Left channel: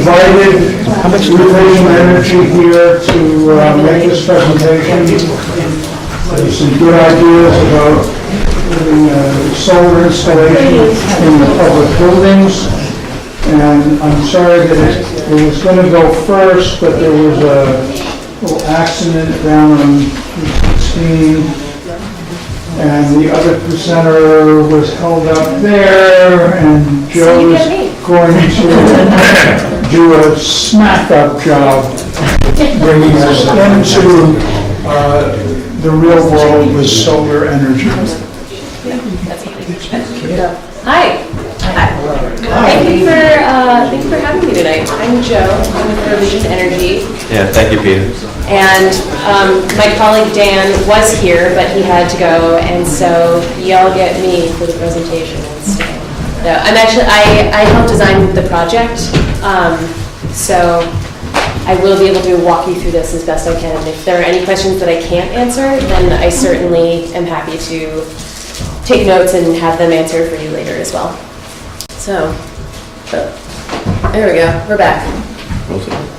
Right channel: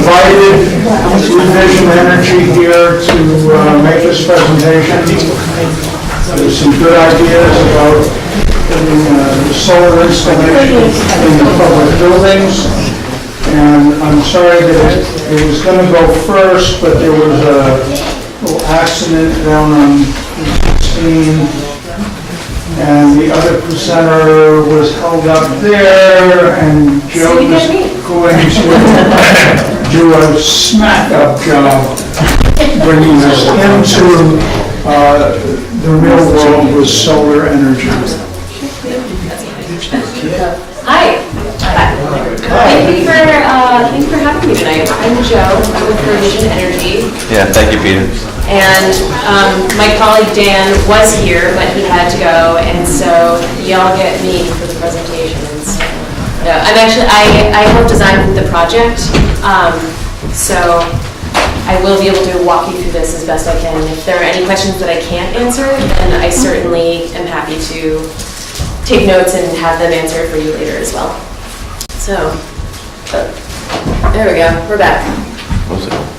invited Revision Energy here to make this presentation. There's some good ideas about putting solar installations in public buildings. And I'm sorry that it was going to go first, but there was a little accident down on 16. And the other presenter was held up there, and Joe was going to do a smack-up job bringing us into the real world with solar energy. Hi. Thank you for having me tonight. I'm Joe. I'm with Revision Energy. Yeah, thank you, Peter. And my colleague Dan was here, but he had to go, and so y'all get me for the presentation. So, I helped design the project, so I will be able to walk you through this as best I can. If there are any questions that I can't answer, then I certainly am happy to take notes and have them answered for you later as well. So, there we go. We're back.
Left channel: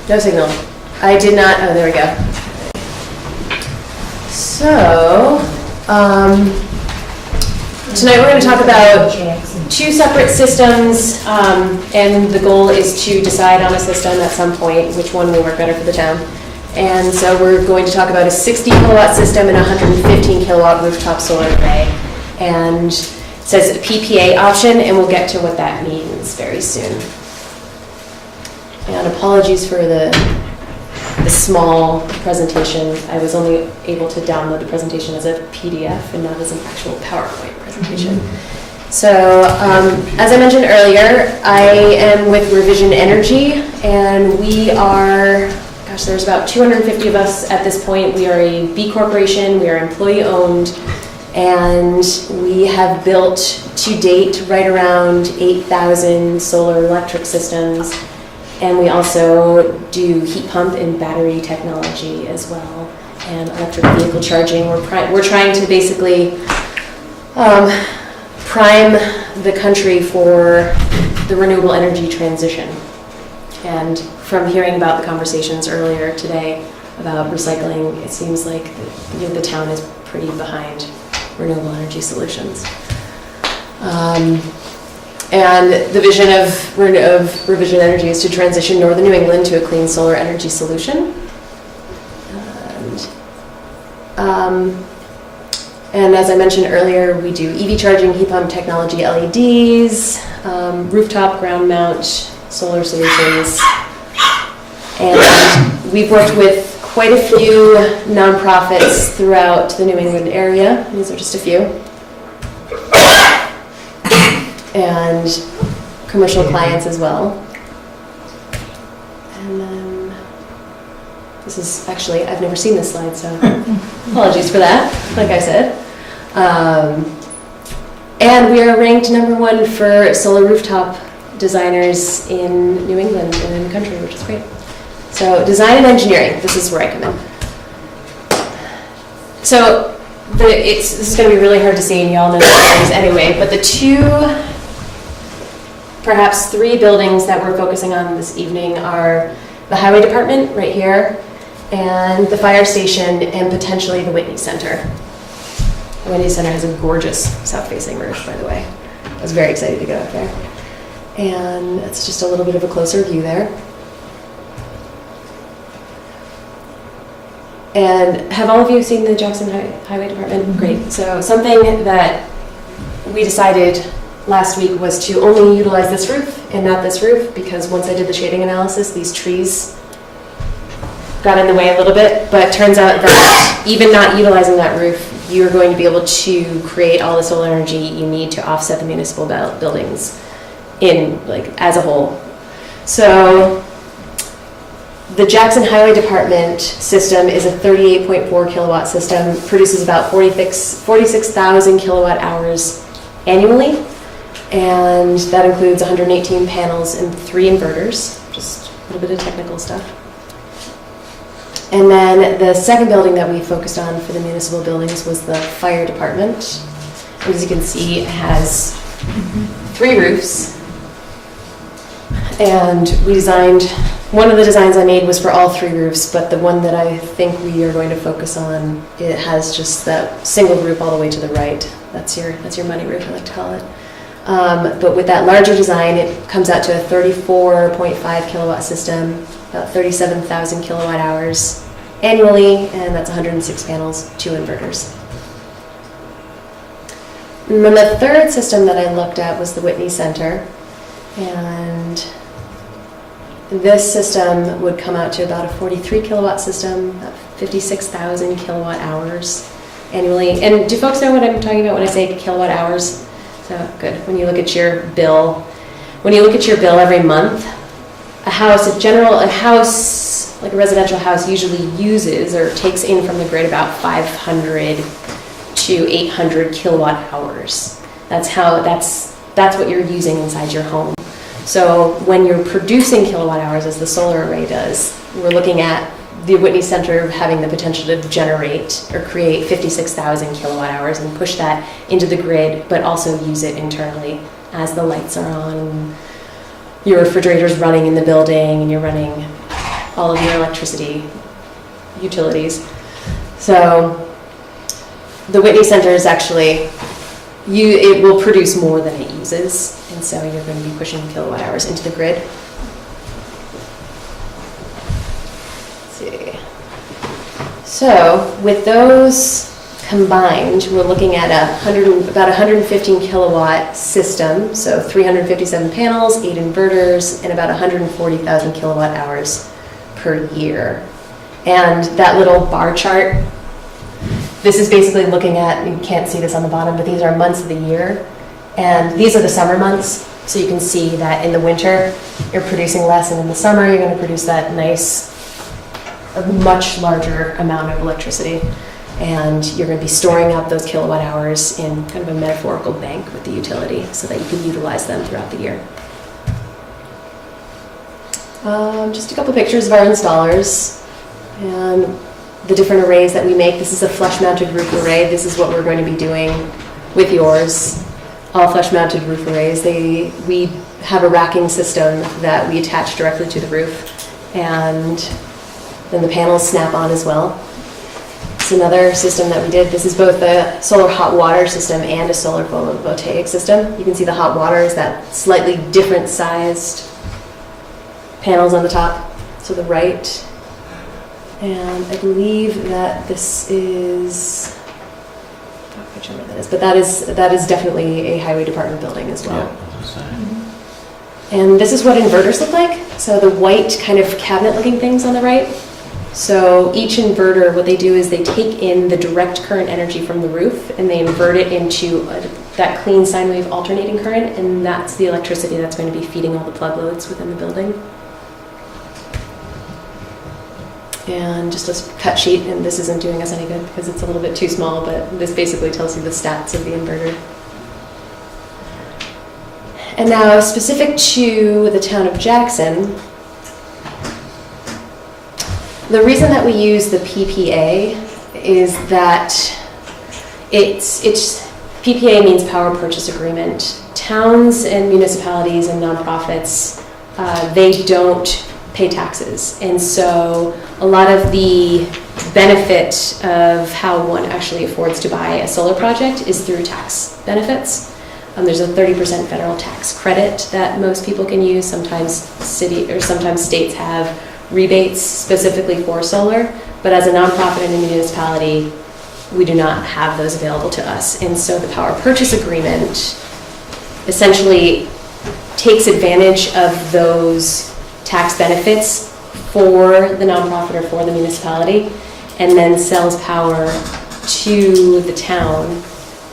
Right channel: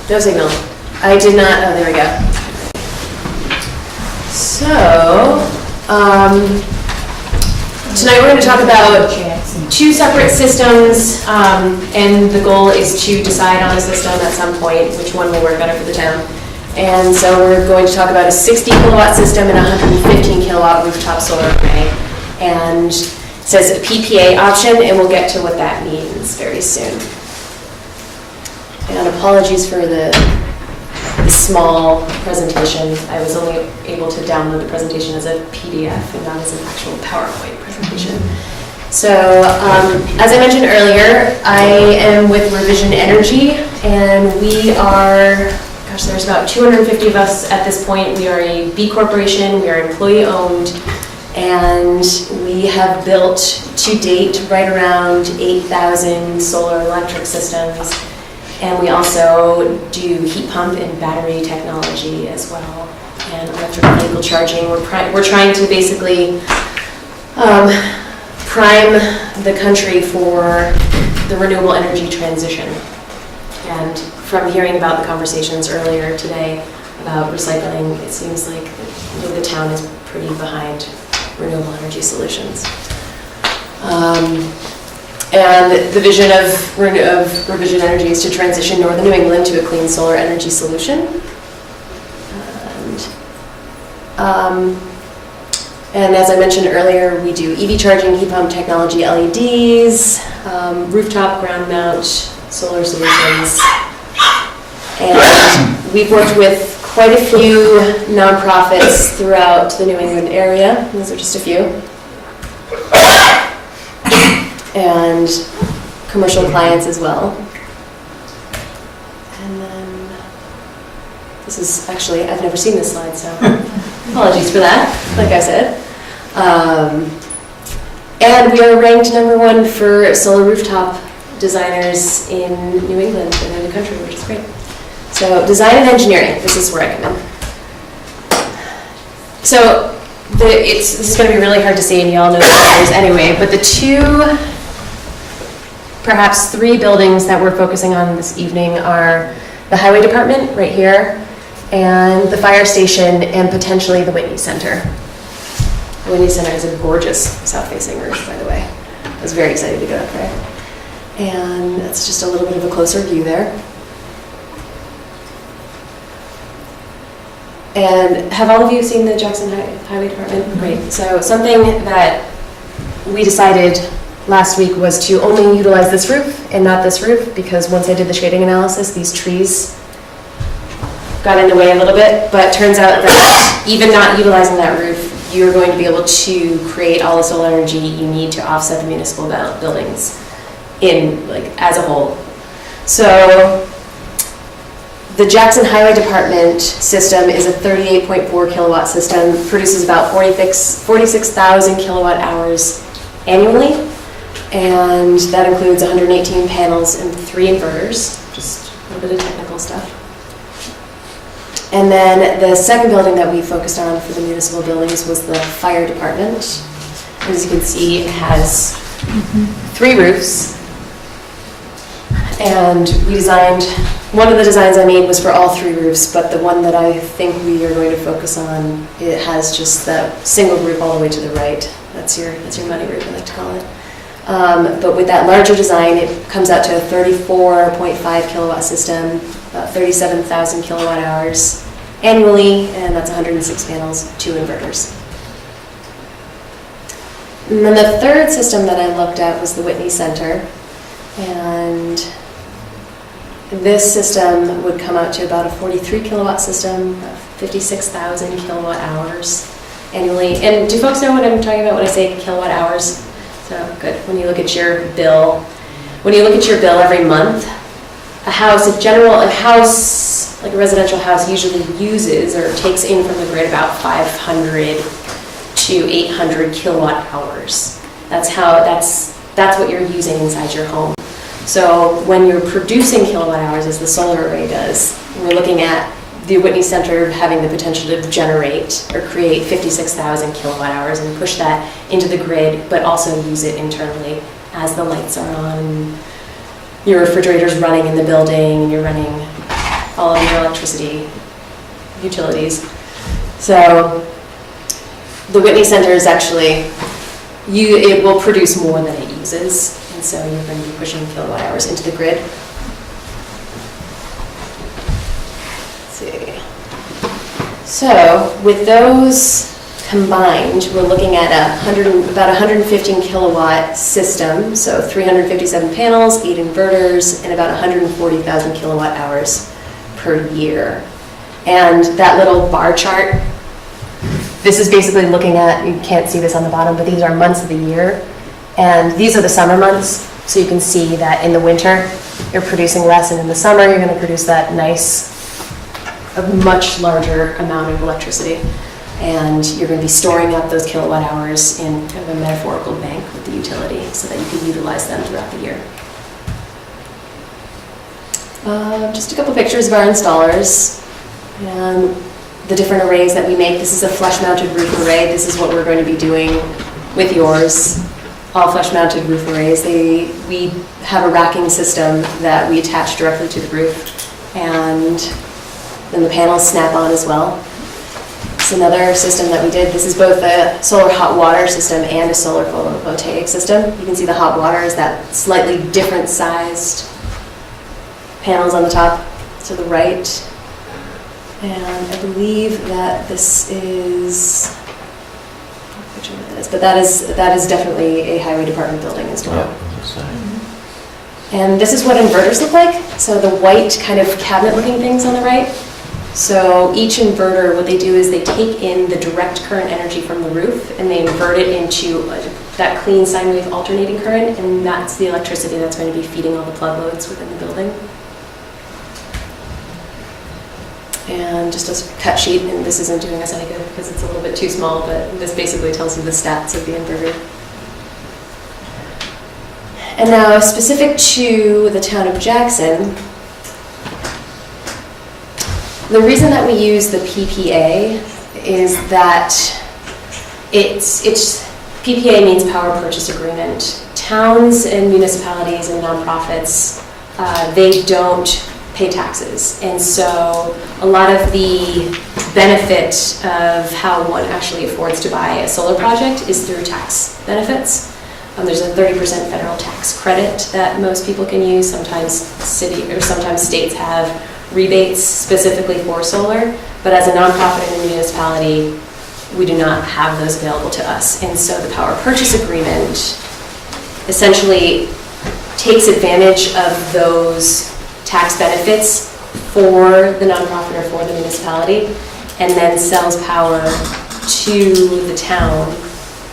No signal. I did not. Oh, there we go. So, tonight we're going to talk about two separate systems, and the goal is to decide on a system at some point, which one will work better for the town. And so we're going to talk about a 60 kilowatt system and a 115 kilowatt rooftop solar array. And it says a PPA option, and we'll get to what that means very soon. And apologies for the small presentation. I was only able to download the presentation as a PDF and not as an actual PowerPoint presentation. So, as I mentioned earlier, I am with Revision Energy, and we are, gosh, there's about 250 of us at this point. We are a B corporation, we are employee owned, and we have built to date right around 8,000 solar electric systems. And we also do heat pump and battery technology as well, and electric vehicle charging. We're trying to basically prime the country for the renewable energy transition. And from hearing about the conversations earlier today about recycling, it seems like the town is pretty behind renewable energy solutions. And the vision of Revision Energy is to transition northern New England to a clean solar energy solution. And as I mentioned earlier, we do EV charging, heat pump technology, LEDs, rooftop ground mount solar solutions. And we've worked with quite a few nonprofits throughout the New England area. These are just a few. And commercial clients as well. And then, this is actually, I've never seen this slide, so apologies for that, like I said. And we are ranked #1 for solar rooftop designers in New England and in the country, which is great. So, design and engineering, this is where I come in. So, this is going to be really hard to see, and you all know this anyway, but the perhaps three buildings that we're focusing on this evening are the Highway Department right here, and the fire station, and potentially the Whitney Center. The Whitney Center is a gorgeous south-facing roof, by the way. I was very excited to get up there. And that's just a little bit of a closer view there. And have all of you seen the Jackson Highway Department? Great. So something that we decided last week was to only utilize this roof and not this roof, because once I did the shading analysis, these trees got in the way a little bit, but it turns out that even not utilizing that roof, you're going to be able to create all the solar energy you need to offset the municipal buildings as a whole. So the Jackson Highway Department system is a 38.4 kilowatt system, produces about 46,000 kilowatt hours annually. And that includes 118 panels and 3 inverters, just a little bit of technical stuff. And then the second building that we focused on for the municipal buildings was the fire department. As you can see, it has 3 roofs, And we designed, one of the designs I made was for all 3 roofs, but the one that I think we are going to focus on, it has just that single roof all the way to the right. That's your money roof, I like to call it. But with that larger design, it comes out to a 34.5 kilowatt system, about 37,000 kilowatt hours annually, and that's 106 panels, 2 inverters. And then the third system that I looked at was the Whitney Center, and this system would come out to about a 43 kilowatt system, 56,000 kilowatt hours annually. And do folks know what I'm talking about when I say kilowatt hours? So good. When you look at your bill, every month, a house, like a residential house, usually uses or takes in from the grid about 500 to 800 kilowatt hours. That's what you're using inside your home. So when you're producing kilowatt hours, as the solar array does, we're looking at the Whitney Center having the potential to generate or create 56,000 kilowatt hours and push that into the grid, but also use it internally as the lights are on, and your refrigerator's running in the building, and you're running all of your electricity utilities. So the Whitney Center is actually, it will produce more than it uses, and so you're going to be pushing kilowatt hours into the grid. So with those combined, we're looking at about 115 kilowatt system, so 357 panels, 8 inverters, and about 140,000 kilowatt hours per year. And that little bar chart, this is basically looking at, you can't see this on the bottom, but these are months of the year. And these are the summer months, so you can see that in the winter, you're producing less, and in the summer, you're going to produce that nice, a much larger amount of electricity, and you're going to be storing up those kilowatt hours in kind of a metaphorical bank with the utility so that you can utilize them throughout the year. Just a couple pictures of our installers and the different arrays that we make. This is a flush-mounted roof array. This is what we're going to be doing with yours. All flush-mounted roof arrays. We have a racking system that we attach directly to the roof, and then the panels snap on as well. It's another system that we did. This is both a solar hot water system and a solar photovoltaic system. You can see the hot water is that slightly different sized panels on the top to the right. And I believe that this is, I'm not sure what that is, but that is definitely a highway department building as well. Yeah. And this is what inverters look like. So the white kind of cabinet looking things on the right. So each inverter, what they do is they take in the direct current energy from the roof and they invert it into that clean sine wave alternating current, and that's the electricity that's going to be feeding all the plug loads within the building. And just a cut sheet, and this isn't doing us any good because it's a little bit too small, but this basically tells you the stats of the inverter. And now, specific to the town of Jackson, the reason that we use the PPA is that PPA means power purchase agreement. Towns and municipalities and nonprofits, they don't pay taxes. And so a lot of the benefit of how one actually affords to buy a solar project is through tax benefits. There's a 30% federal tax credit that most people can use. Sometimes states have rebates specifically for solar, but as a nonprofit and a municipality, we do not have those available to us. And so the power purchase agreement essentially takes advantage of those tax benefits for the nonprofit or for the municipality, and then sells power to the town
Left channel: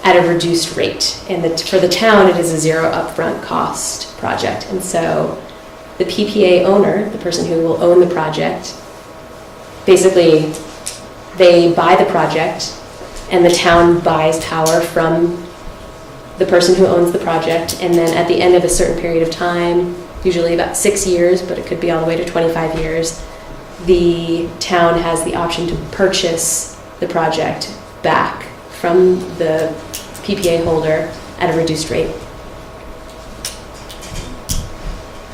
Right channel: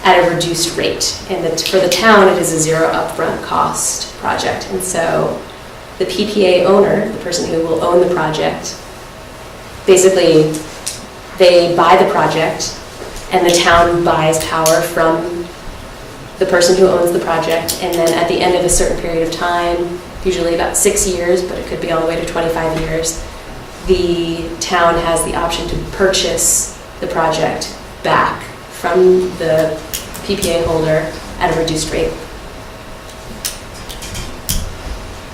at a reduced rate. And for the town, it is a zero upfront cost project. And so the PPA owner, the person who will own the project, basically they buy the project and the town buys power from the person who owns the project, and then at the end of a certain period of time, usually about 6 years, but it could be all the way to 25 years, the town has the option to purchase the project back from the PPA holder at a reduced rate.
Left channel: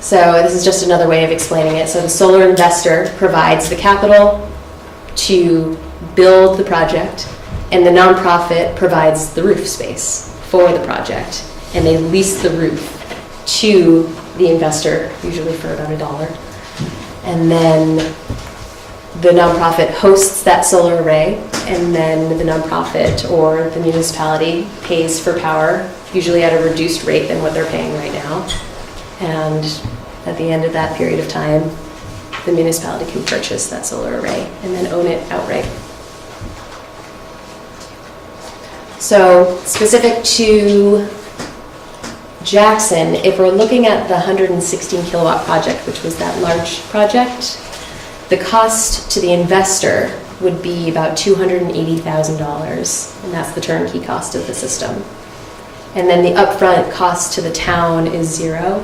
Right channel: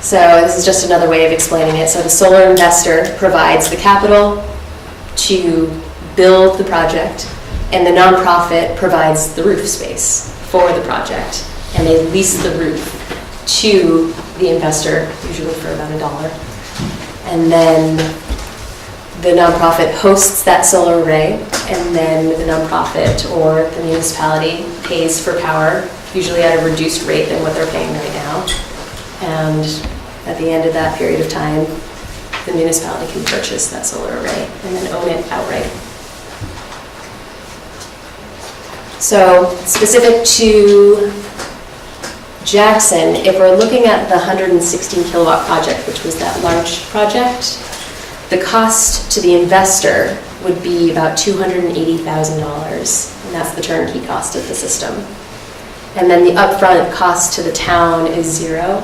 So this is just another way of explaining it. So the solar investor provides the capital to build the project, and the nonprofit provides the roof space for the project, and they lease the roof to the investor, usually for about $1. And then the nonprofit hosts that solar array, and then the nonprofit or the municipality pays for power, usually at a reduced rate than what they're paying right now. And at the end of that period of time, the municipality can purchase that solar array and then own it outright. So specific to Jackson, if we're looking at the 116 kilowatt project, which was that large project, the cost to the investor would be about $280,000, and that's the turnkey cost of the system. And then the upfront cost to the town is zero.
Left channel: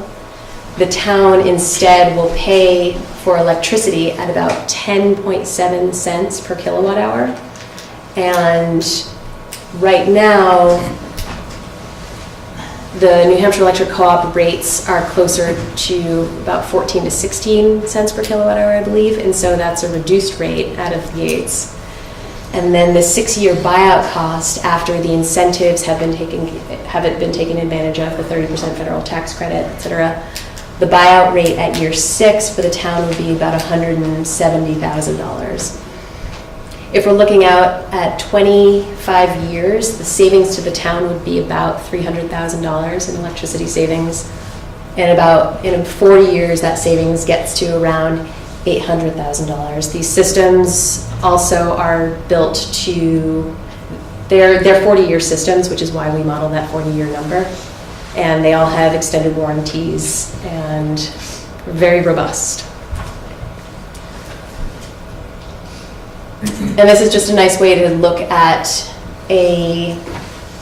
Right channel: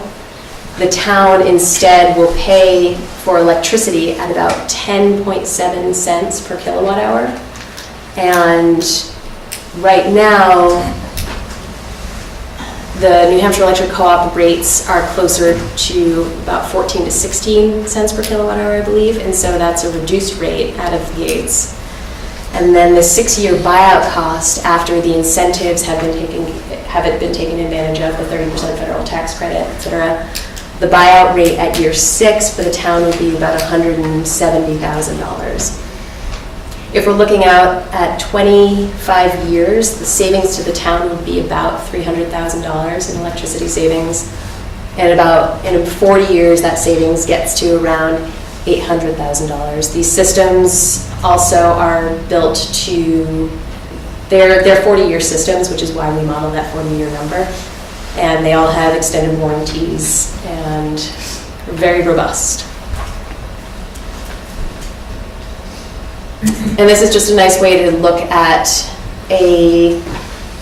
The town instead will pay for electricity at about 10.7 cents per kilowatt hour. And right now, the New Hampshire Electric Co-op rates are closer to about 14 to 16 cents per kilowatt hour, I believe, and so that's a reduced rate out of the gates. And then the 6-year buyout cost after the incentives have been taken advantage of, the 30% federal tax credit, et cetera, the buyout rate at year 6 for the town would be about $170,000. If we're looking out at 25 years, the savings to the town would be about $300,000 in electricity savings. And in 40 years, that savings gets to around $800,000. These systems also are built to, they're 40-year systems, which is why we model that 40-year number. And they all have extended warranties and are very robust. And this is just a nice way to look at a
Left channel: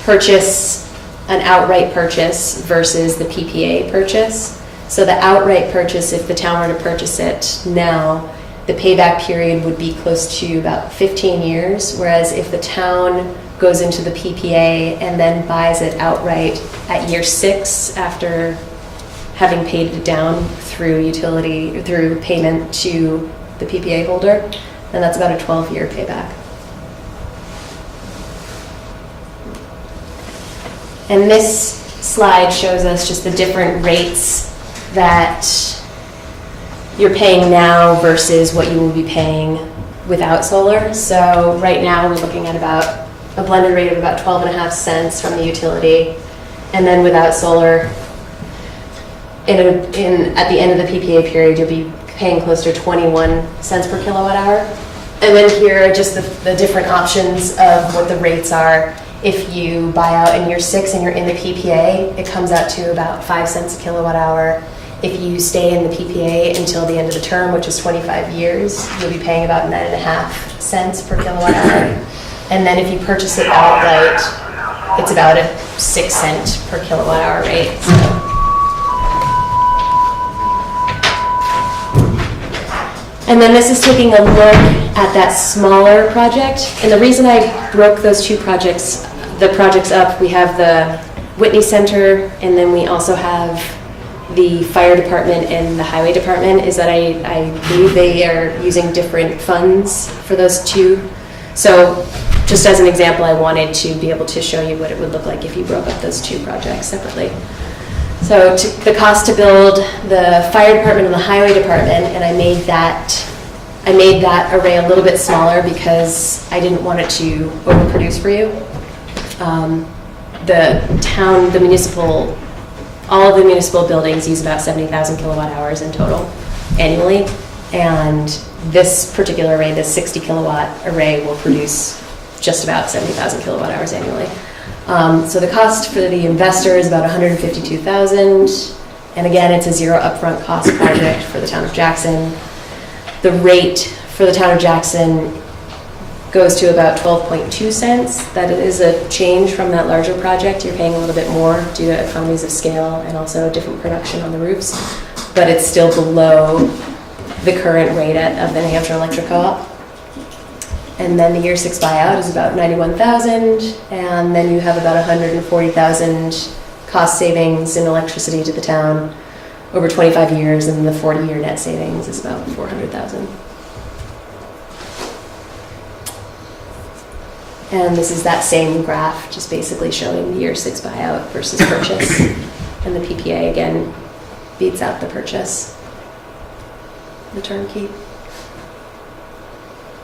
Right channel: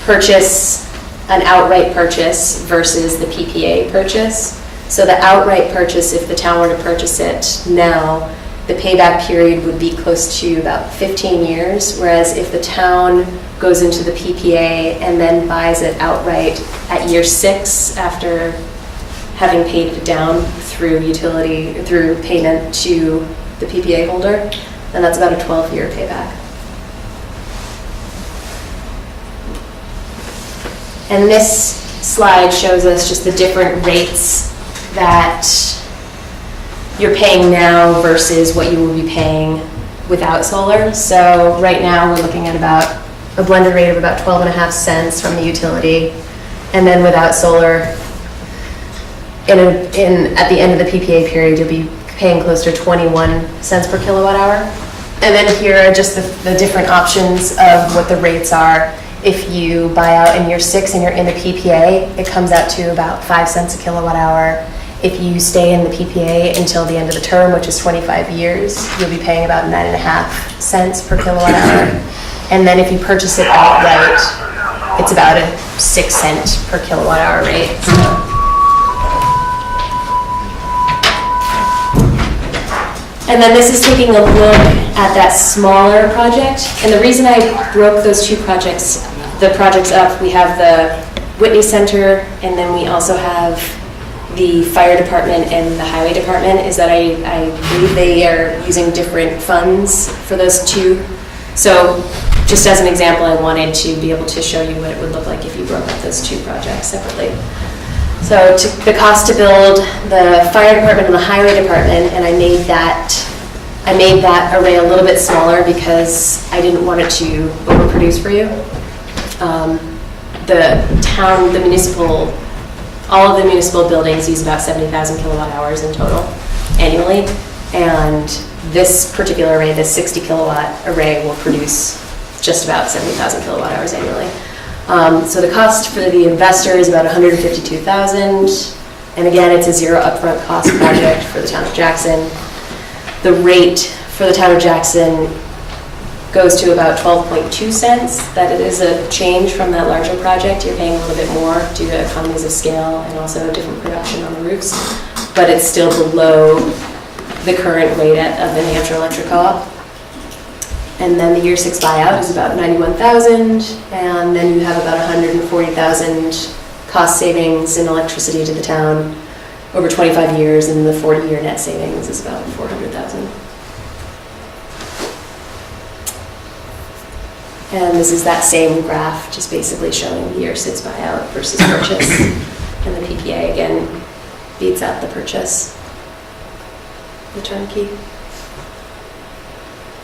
purchase, an outright purchase versus the PPA purchase. So the outright purchase, if the town were to purchase it now, the payback period would be close to about 15 years, whereas if the town goes into the PPA and then buys it outright at year 6 after having paid it down through payment to the PPA holder, then that's about a 12-year payback. And this slide shows us just the different rates that you're paying now versus what you will be paying without solar. So right now we're looking at about a blended rate of about 12.5 cents from the utility, and then without solar, at the end of the PPA period, you'll be paying close to 21 cents per kilowatt hour. And then here are just the different options of what the rates are. If you buy out in year 6 and you're in the PPA, it comes out to about 5 cents a kilowatt hour. If you stay in the PPA until the end of the term, which is 25 years, you'll be paying about 9.5 cents per kilowatt hour. And then if you purchase it outright, it's about a 6 cent per kilowatt hour rate. And then this is taking a look at that smaller project. And the reason I broke those two projects, the projects up, we have the Whitney Center, and then we also have the fire department and the highway department, is that I believe they are using different funds for those two. So just as an example, I wanted to be able to show you what it would look like if you broke up those two projects separately. So the cost to build the fire department and the highway department, and I made that array a little bit smaller because I didn't want it to overproduce for you. All of the municipal buildings use about 70,000 kilowatt hours in total annually, and this particular array, this 60 kilowatt array, will produce just about 70,000 kilowatt hours annually. So the cost for the investor is about $152,000, and again, it's a zero upfront cost project for the town of Jackson. The rate for the town of Jackson goes to about 12.2 cents. That it is a change from that larger project. You're paying a little bit more due to economies of scale and also different production on the roofs, but it's still below the current rate of the New Hampshire Electric Co-op. And then the year 6 buyout is about $91,000, and then you have about $140,000 cost savings in electricity to the town, over 25 years, and the 40-year net savings is about $400,000. And this is that same graph, just basically showing the year 6 buyout versus purchase. And the PPA, again, beats out the purchase, the turnkey.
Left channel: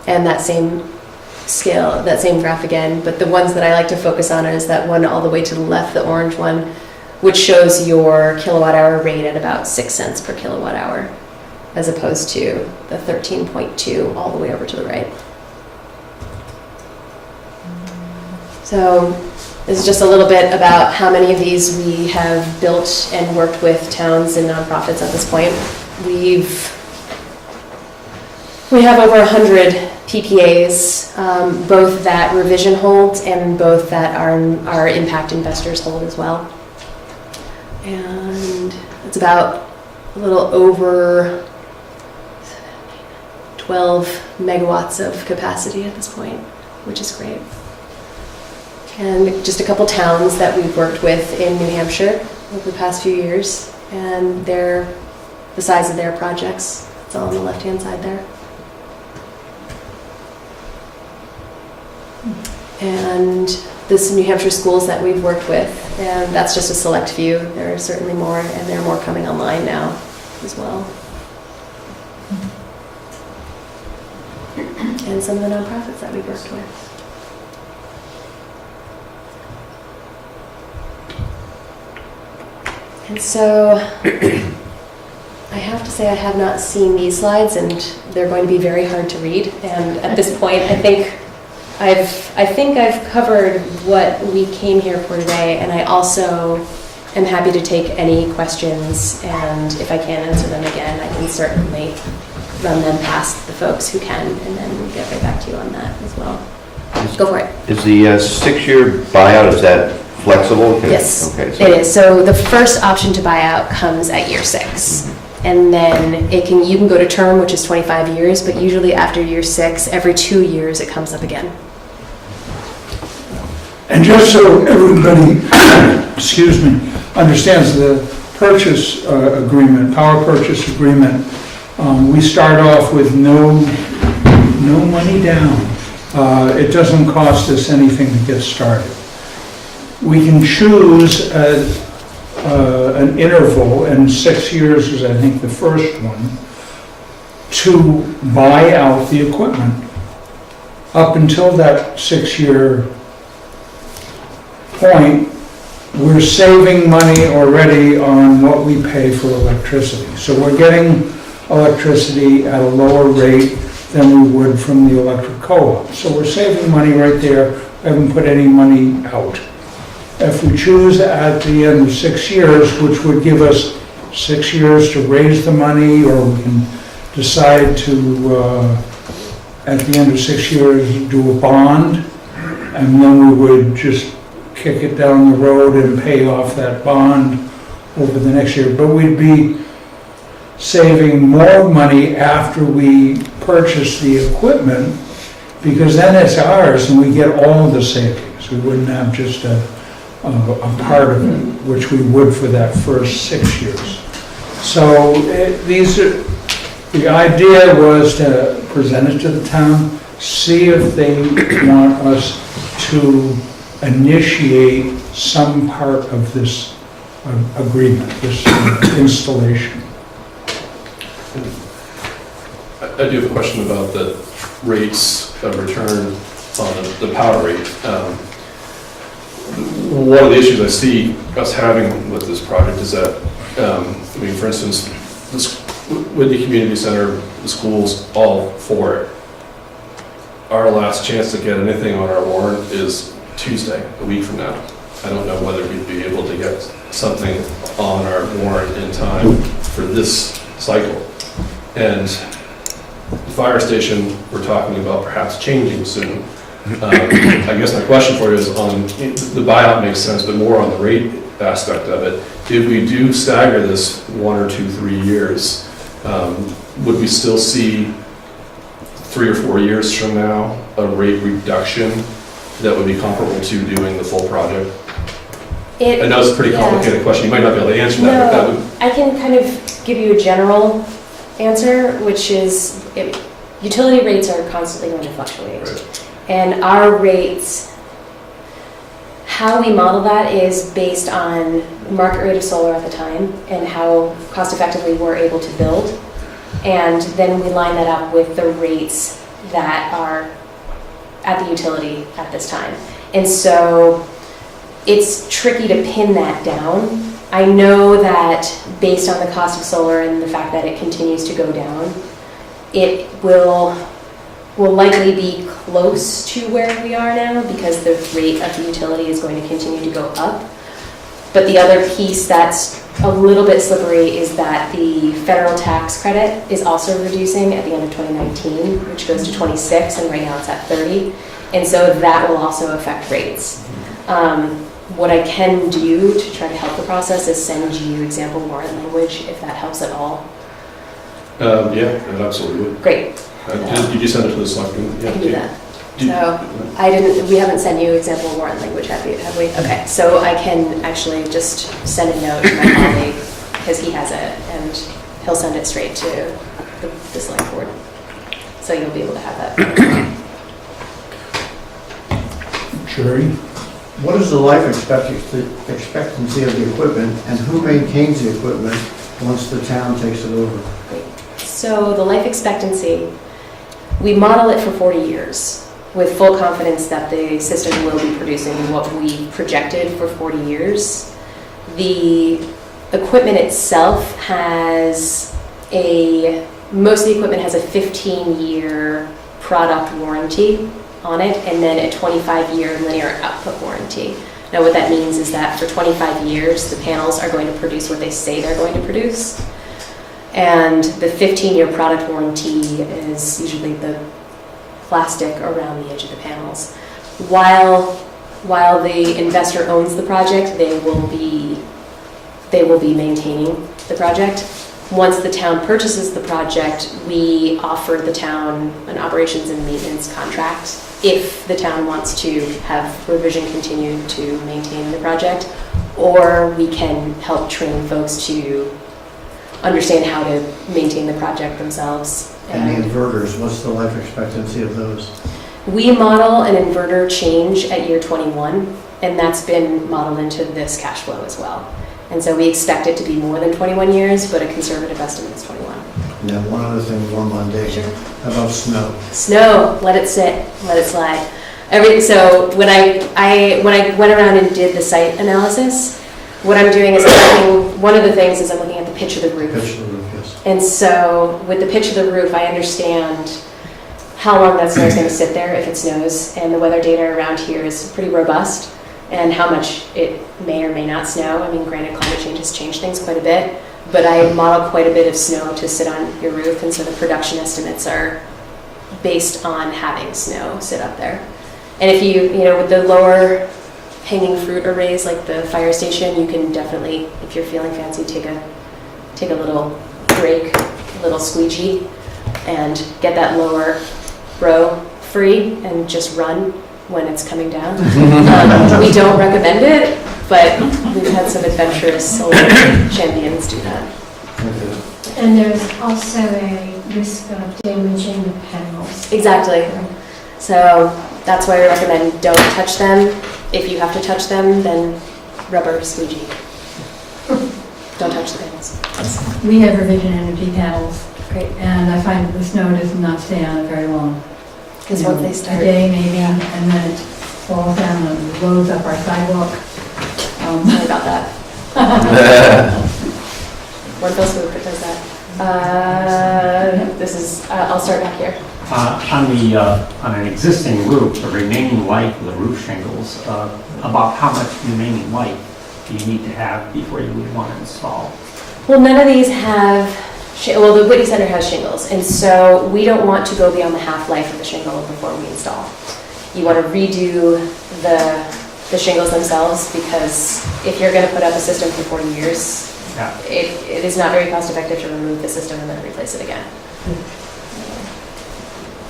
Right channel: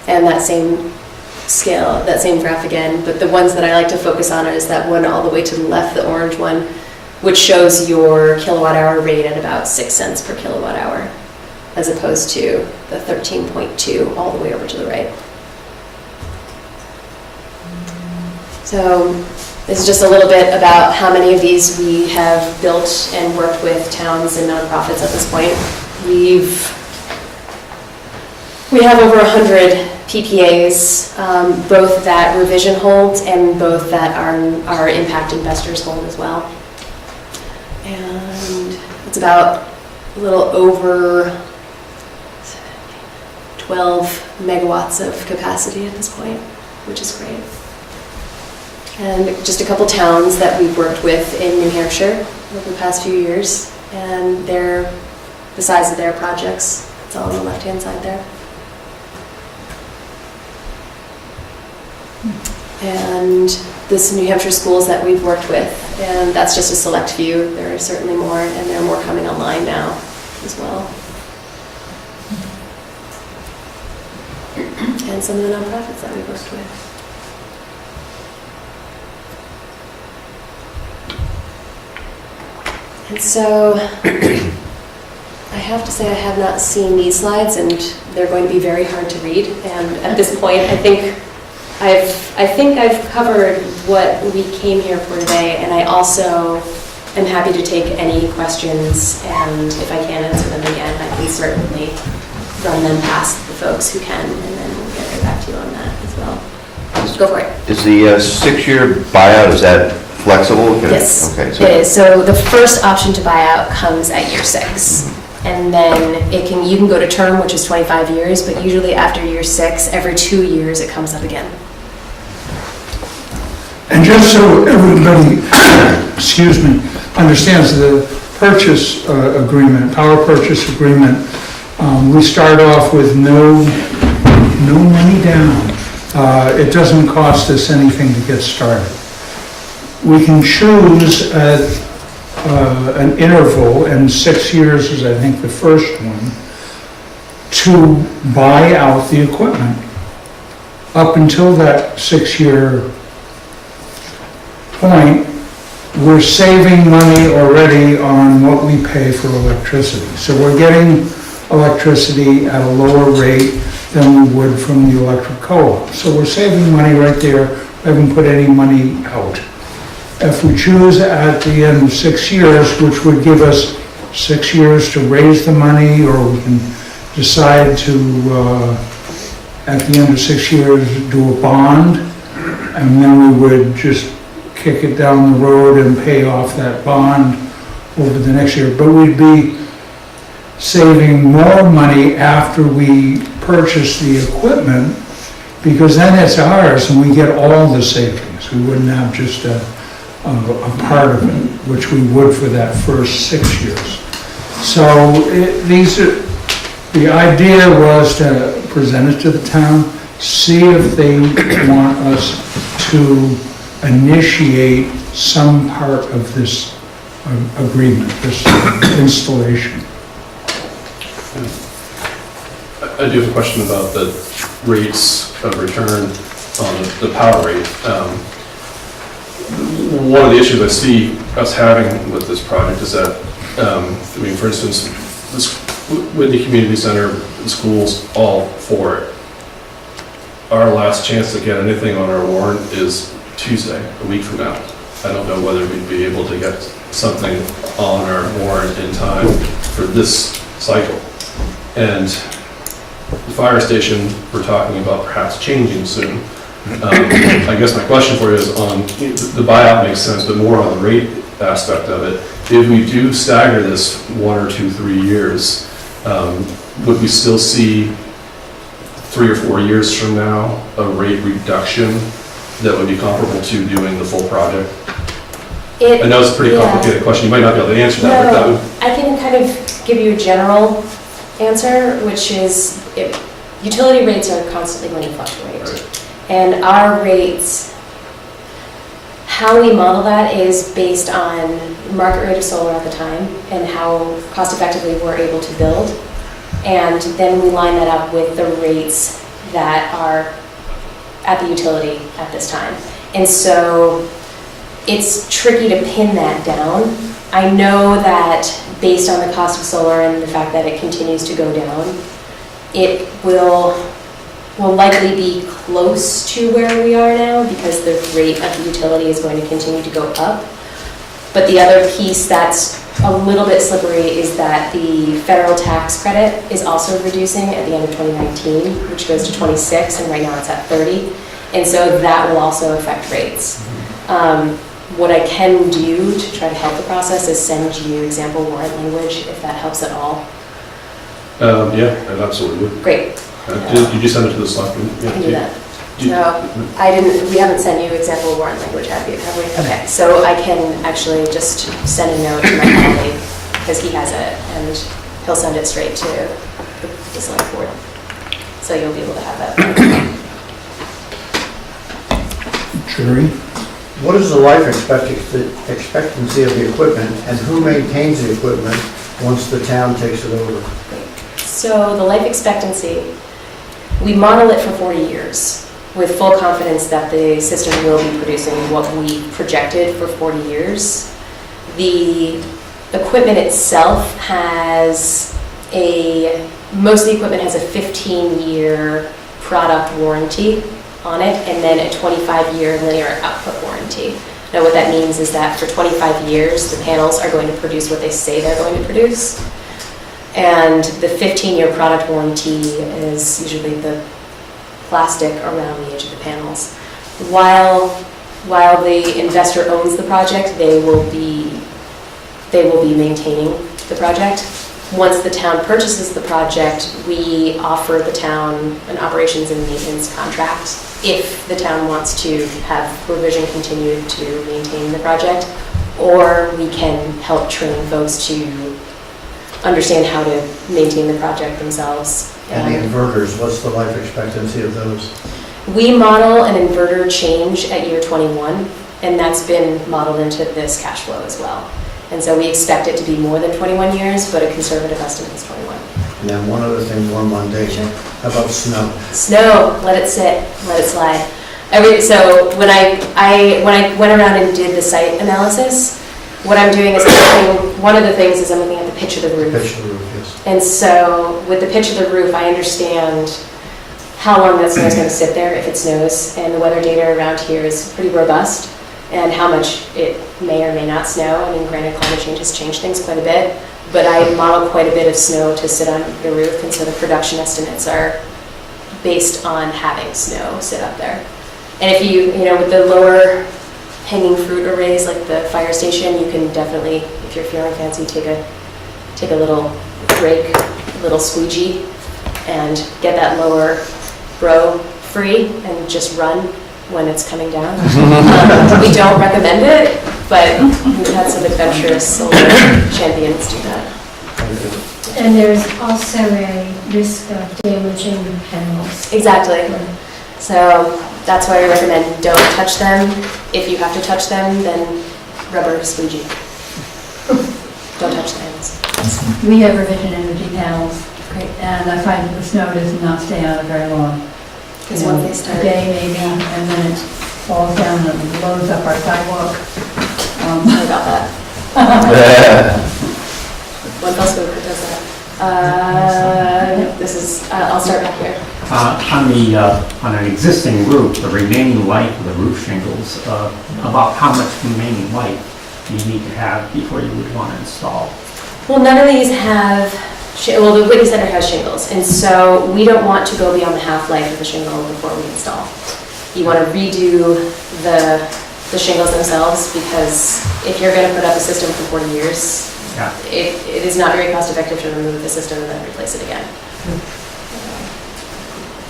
And that same scale, that same graph again, but the ones that I like to focus on is that one all the way to the left, the orange one, which shows your kilowatt hour rate at about 6 cents per kilowatt hour, as opposed to the 13.2 all the way over to the right. So this is just a little bit about how many of these we have built and worked with towns and nonprofits at this point. We have over 100 PPAs, both that Revision holds and both that our impact investors hold as well. And it's about a little over 12 megawatts of capacity at this point, which is great. And just a couple towns that we've worked with in New Hampshire over the past few years, and the size of their projects. It's all on the left-hand side there. And this New Hampshire schools that we've worked with, and that's just a select few. There are certainly more, and there are more coming online now as well. And some of the nonprofits that we've worked with. And so I have to say I have not seen these slides, and they're going to be very hard to read. And at this point, I think I've covered what we came here for today, and I also am happy to take any questions, and if I can answer them again, I can certainly run them past the folks who can, and then we'll get right back to you on that as well. Go for it. Is the 6-year buyout, is that flexible? Yes, okay, it is. So the first option to buy out comes at year 6. And then you can go to term, which is 25 years, but usually after year 6, every 2 years it comes up again. And just so everybody, understands the purchase agreement, power purchase agreement, we start off with no money down. It doesn't cost us anything to get started. We can choose an interval, and 6 years is, I think, the first one, to buy out the equipment. Up until that 6-year point, we're saving money already on what we pay for electricity. So we're getting electricity at a lower rate than we would from the electric co-op. So we're saving money right there. We haven't put any money out. If we choose at the end of 6 years, which would give us 6 years to raise the money, or we can decide to, at the end of 6 years, do a bond, and then we would just kick it down the road and pay off that bond over the next year. But we'd be saving more money after we purchase the equipment, because then it's ours and we get all the savings. We wouldn't have just a part of it, which we would for that first 6 years. So the idea was to present it to the town, see if they want us to initiate some part of this agreement, this installation. I do have a question about the rates of return on the power rate. One of the issues I see us having with this project is that, for instance, Whitney Community Center, the schools, all for it. Our last chance to get anything on our warrant is Tuesday, a week from now. I don't know whether we'd be able to get something on our warrant in time for this cycle. And the fire station, we're talking about perhaps changing soon. I guess my question for you is on the buyout makes sense, but more on the rate aspect of it. If we do stagger this 1 or 2, 3 years, would we still see 3 or 4 years from now a rate reduction that would be comparable to doing the full project? I know it's a pretty Yeah. complicated question, you might not be able to answer that, but that No, would, I can kind of give you a general answer, which is utility rates are constantly going to fluctuate. Right. And our rates, how we model that is based on market rate of solar at the time and how cost effectively we're able to build. And then we line that up with the rates that are at the utility at this time. And so it's tricky to pin that down. I know that based on the cost of solar and the fact that it continues to go down, it will likely be close to where we are now because the rate of the utility is going to continue to go up. But the other piece that's a little bit slippery is that the federal tax credit is also reducing at the end of 2019, which goes to 26, and right now it's at 30. And so that will also affect rates. What I can do to try to help the process is send you example warrant language, if that helps at all. yeah, absolutely. Great, You just send it to the selectmen? I can do that. Do you- No, we haven't sent you example warrant language, have we? Okay, so I can actually just send a note to my colleague, because he has it, and he'll send it straight to the select board. So you'll be able to have that. Jury? What is the life expectancy of the equipment, and who maintains the equipment once the town takes it over? So the life expectancy, we model it for 40 years with full confidence that the system will be producing what we projected for 40 years. The equipment itself most of the equipment has a 15-year product warranty on it, and then a 25-year linear output warranty. Now what that means is that for 25 years, the panels are going to produce what they say they're going to produce. And the 15-year product warranty is usually the plastic around the edge of the panels. While the investor owns the project, they will be maintaining the project. Once the town purchases the project, we offer the town an operations and maintenance contract if the town wants to have revision continue to maintain the project, or we can help train folks to understand how to maintain the project themselves. And the inverters, what's the life expectancy of those? We model an inverter change at year 21, and that's been modeled into this cash flow as well. And so we expect it to be more than 21 years, but a conservative estimate is 21. And then one other thing, more mundane. Sure. How about snow? Snow, let it sit, let it slide. So when I went around and did the site analysis, what I'm doing is one of the things is I'm looking at the pitch of the roof. Pitch of the roof, yes. And so with the pitch of the roof, I understand how long that snow is going to sit there if it snows, and the weather data around here is pretty robust, and how much it may or may not snow. I mean, granted, climate change has changed things quite a bit, but I model quite a bit of snow to sit on your roof, and so the production estimates are based on having snow sit up there. And if with the lower hanging fruit arrays like the fire station, you can definitely, if you're feeling fancy, take a little break, a little squeegee, and get that lower row free and just run when it's coming down. We don't recommend it, but we've had some adventurous solar champions do that. And there's also a risk of damaging the panels. Exactly. So that's why I recommend don't touch them. If you have to touch them, then rubber squeegee. Don't touch the panels. We have revision energy panels, Great. and I find that the snow does not stay on it very long. Because You know, once they start. A day maybe, and then it falls down and blows up our sidewalk. Sorry about that. What else does that? I'll start back here. On an existing roof, the remaining life of the roof shingles, about how much remaining life do you need to have before you would want to install? Well, none of these have, the Whitney Center has shingles, and so we don't want to go beyond the half-life of the shingle before we install. You want to redo the shingles themselves, because if you're going to put up a system for 40 years, Yeah. it is not very cost-effective to remove the system and then replace it again.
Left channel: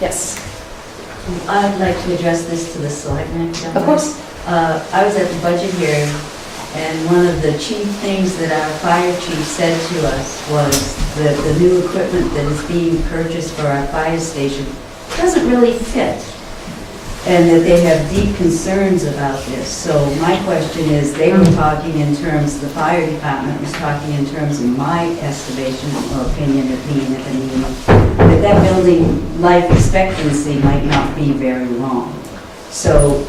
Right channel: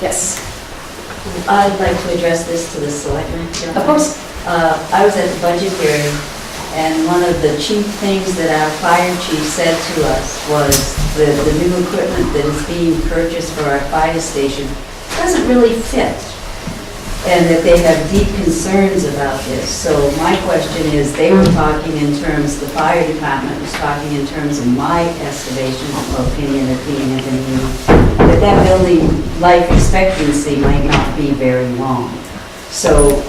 Yes, I'd like to address this to the selectmen. of course. I was at the budget hearing, And one of the chief things that our fire chief said to us was that the new equipment that is being purchased for our fire station doesn't really fit, and that they have deep concerns about this. So my question is, they were talking in terms, the fire department was talking in terms of my estimation or opinion of being at the meeting, that building life expectancy might not be very long. So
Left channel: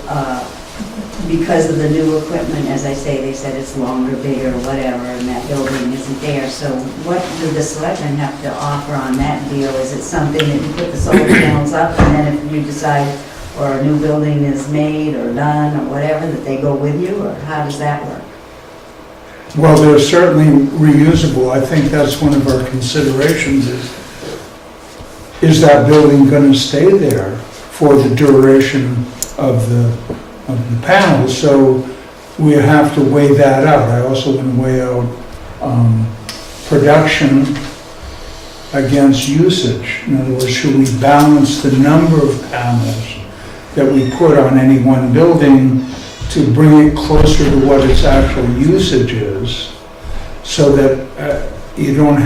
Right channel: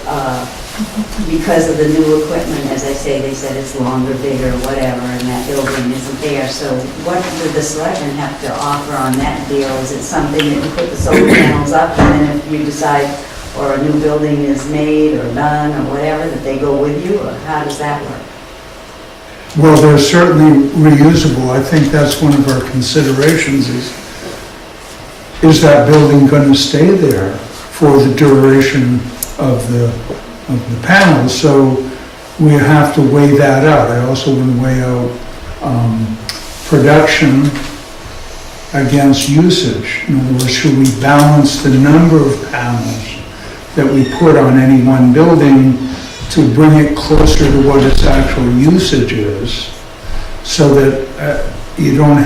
because of the new equipment, as I say, they said it's longer, bigger, whatever, and that building isn't there. So what do the selectmen have to offer on that deal? Is it something that you put the solar panels up, and then if you decide, or a new building is made or done or whatever, that they go with you, or how does that work? Well, they're certainly reusable. I think that's one of our considerations is that building going to stay there for the duration of the panels? So we have to weigh that out. I also want to weigh out production against usage. In other words, should we balance the number of panels that we put on any one building to bring it closer to what its actual usage is, so that we don't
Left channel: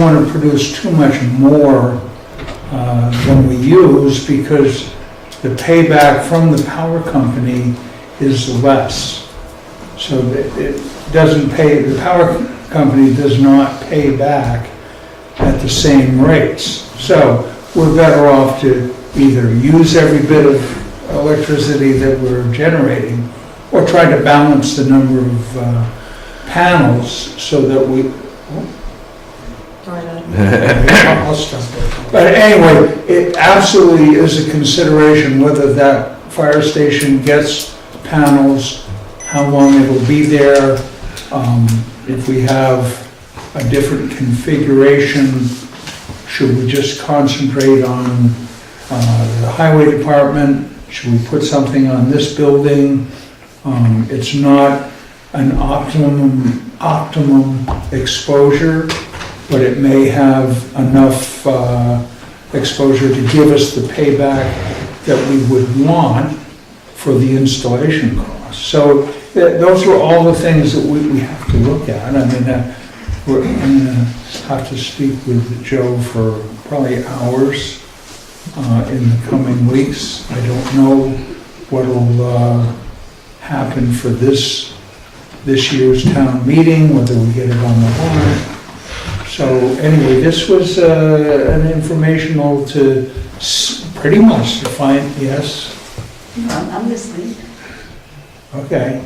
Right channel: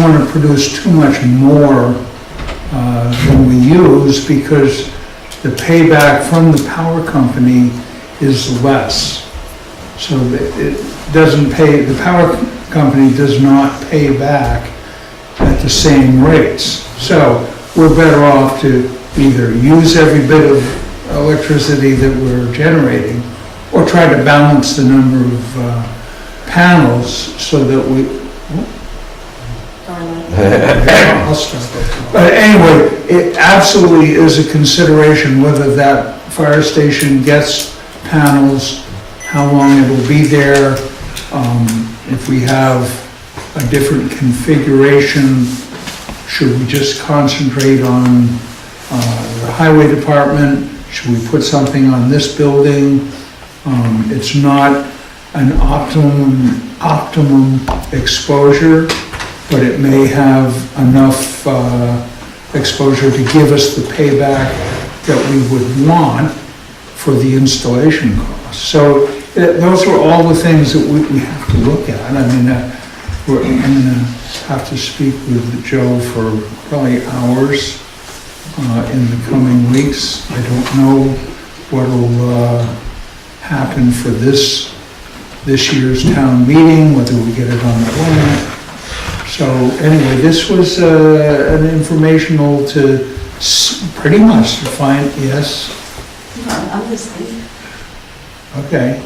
want to produce too much more than we use, because the payback from the power company is less. So that it doesn't pay, the power company does not pay back at the same rates. So we're better off to either use every bit of electricity that we're generating, or try to balance the number of panels so that we... I'll stop. But anyway, it absolutely is a consideration whether that fire station gets panels, how long it'll be there, if we have a different configuration, should we just concentrate on the highway department? Should we put something on this building? It's not an optimum exposure, but it may have enough exposure to give us the payback that we would want for the installation costs. So those are all the things that we have to look at. I mean, I'm going to have to speak with Joe for probably hours in the coming weeks. I don't know what will happen for this year's town meeting, whether we get it on the warrant. So anyway, this was an informational to pretty much to find, yes? I'm listening. Okay.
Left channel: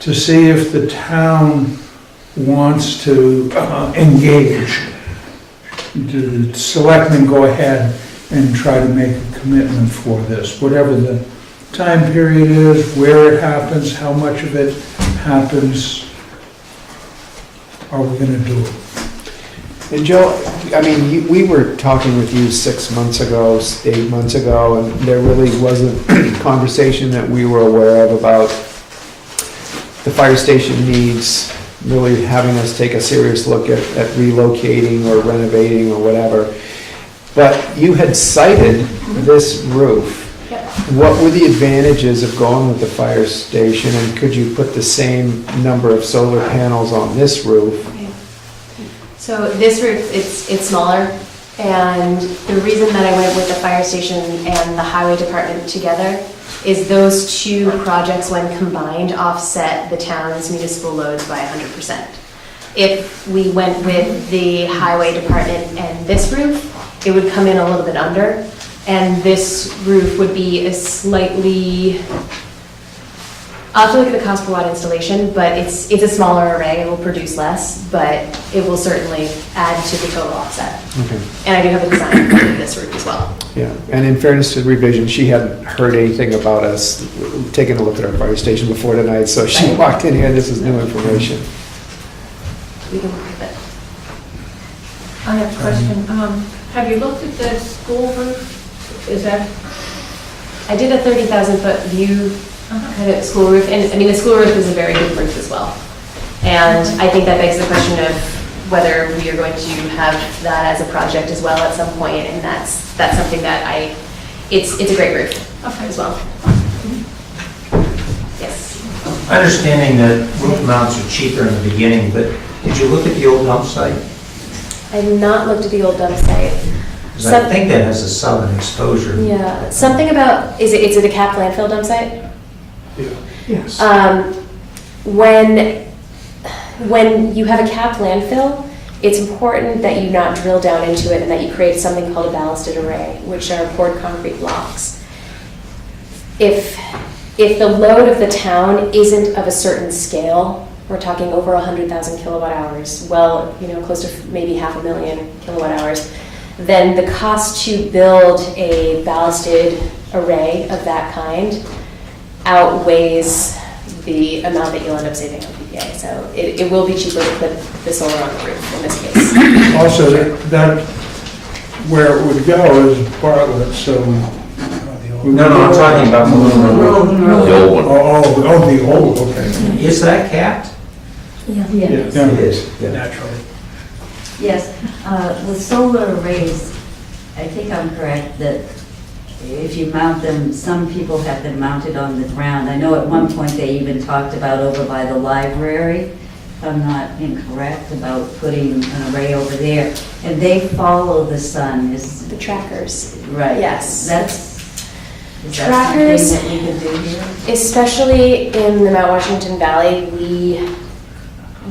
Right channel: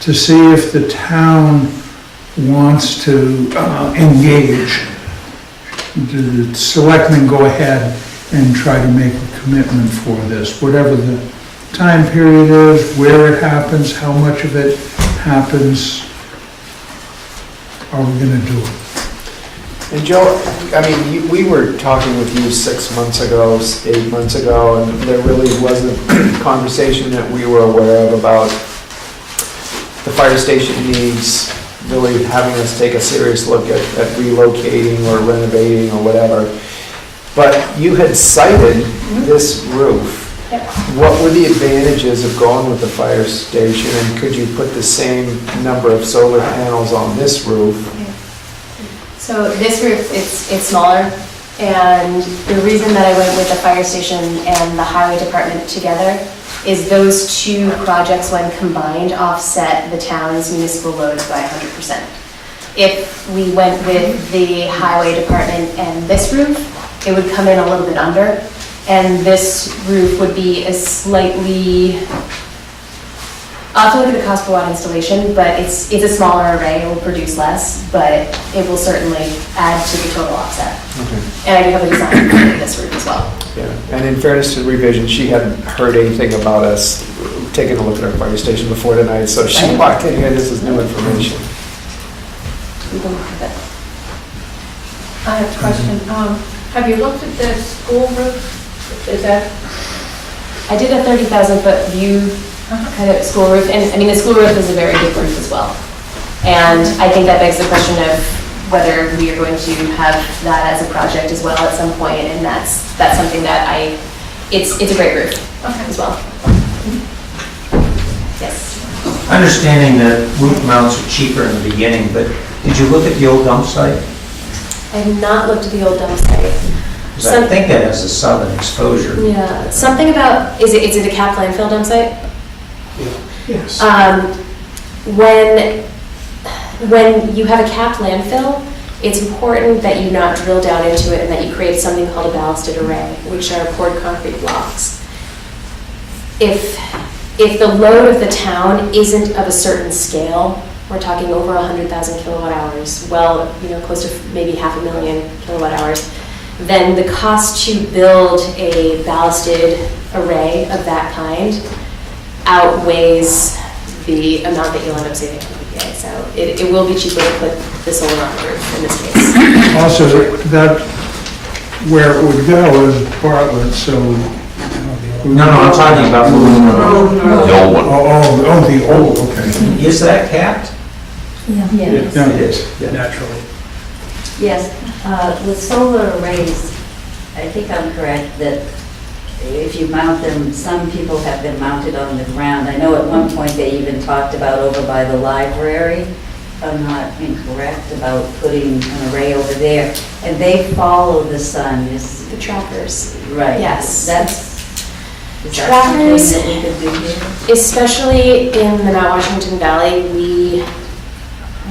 To see if the town wants to engage. The selectmen go ahead and try to make a commitment for this, whatever the time period is, where it happens, how much of it happens, are we gonna do it? And Joe, I mean, we were talking with you 6 months ago, 8 months ago, and there really wasn't a conversation that we were aware of about the fire station needs, really having us take a serious look at relocating or renovating or whatever. But you had cited this roof. What were the advantages of going with the fire station, and could you put the same number of solar panels on this roof? So this roof, it's smaller, and the reason that I went with the fire station and the highway department together is those two projects, when combined, offset the town's municipal loads by 100%. If we went with the highway department and this roof, it would come in a little bit under, and this roof would be a slightly, I'll have to look at the cost per watt installation, but it's a smaller array, it will produce less, but it will certainly add to the total offset. Okay. And I do have the design for this roof as well. Yeah, and in fairness to Revision, she hadn't heard anything about us taking a look at our fire station before tonight, so she walked in here, this is new information. We can look at it. I have a question. Have you looked at the school roof? Is that? I did a 30,000-foot view kind of school roof, and I mean, the school roof is a very big roof as well. And I think that begs the question of whether we are going to have that as a project as well at some point, and that's something that it's a great roof as well. Yes. Understanding that roof mounts are cheaper in the beginning, but did you look at the old dump site? I have not looked at the old dump site. Because I think that has a southern exposure. Yeah, something about, is it a cap landfill dump site? Yes. When you have a capped landfill, it's important that you not drill down into it and that you create something called a ballasted array, which are poured concrete blocks. If the load of the town isn't of a certain scale, we're talking over 100,000 kilowatt hours, well, close to maybe 500,000 kilowatt hours, then the cost to build a ballasted array of that kind outweighs the amount that you'll end up saving on PPA. So it will be cheaper to put the solar on the roof in this case. Also, that, where it would go is Bartlett, so. No, I'm talking about the little road. The old one. Oh, the old, okay. Is that capped? Yeah. Yeah. It is. Yeah. Naturally. Yes, with solar arrays, I think I'm correct that if you mount them, some people have them mounted on the ground. I know at one point they even talked about over by the library, if I'm not incorrect, about putting an array over there. And they follow the sun, is The trackers, right. yes. Is Trackers- that something that we could do here? Especially in the Mount Washington Valley,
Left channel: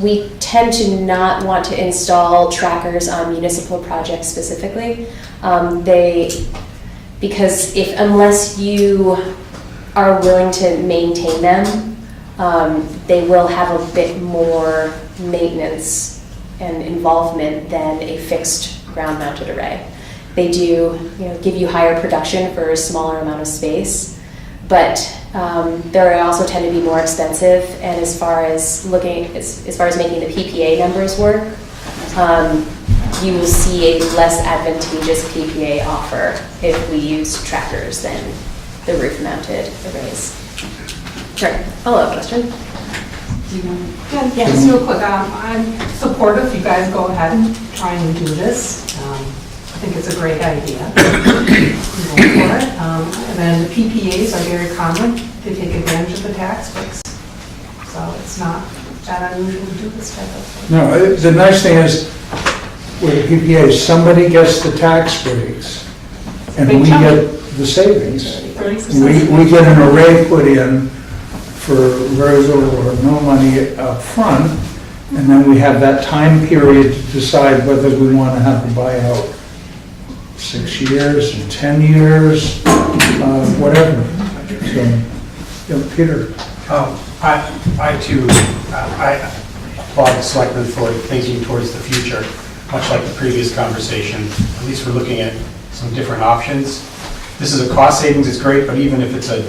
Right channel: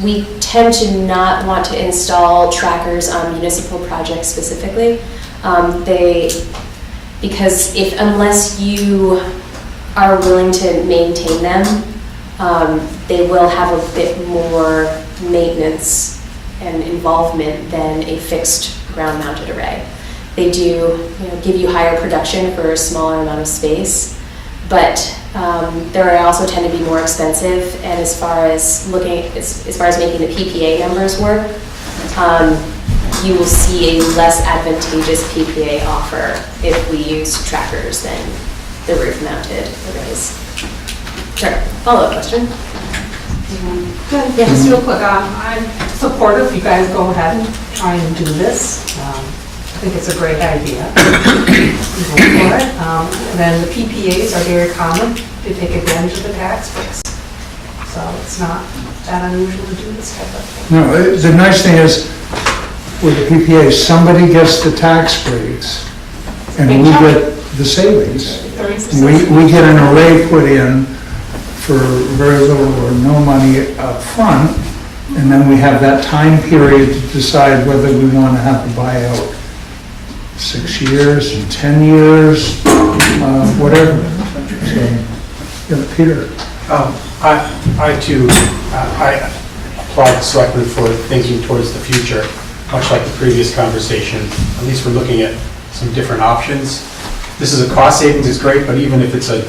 we tend to not want to install trackers on municipal projects specifically. Because unless you are willing to maintain them, they will have a bit more maintenance and involvement than a fixed ground-mounted array. They do, give you higher production for a smaller amount of space, but they also tend to be more expensive. And as far as making the PPA numbers work, you will see a less advantageous PPA offer if we use trackers than the roof-mounted arrays. Sure. Follow-up question. Yeah, just real quick, I'm supportive. You guys go ahead and try and do this. I think it's a great idea. Go for it. And then the PPAs are very common. They take advantage of the tax breaks. So it's not that unusual to do this type of thing. No, the nice thing is, with the PPA, somebody gets the tax breaks, and we get the savings. We get an array put in for very little or no money up front, and then we have that time period to decide whether we want to have the buyout 6 years and 10 years, whatever. So, yeah, Peter. I too, I applaud the selectmen for thinking towards the future, much like the previous conversation. At least we're looking at some different options. This is a cost savings, it's great, but even if it's a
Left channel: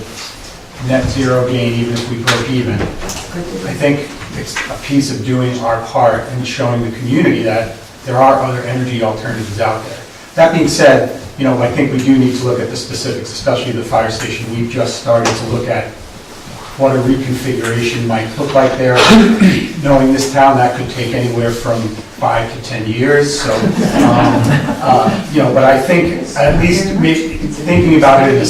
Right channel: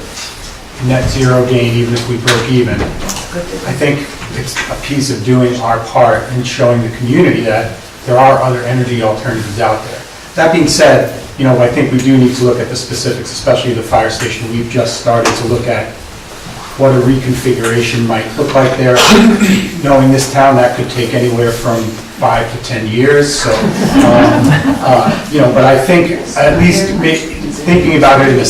net zero gain, even if we break even, I think it's a piece of doing our part and showing the community that there are other energy alternatives out there. That being said, I think we do need to look at the specifics, especially the fire station. We've just started to look at what a reconfiguration might look like there. Knowing this town, that could take anywhere from 5 to 10 years. So, but I think at least thinking about it in a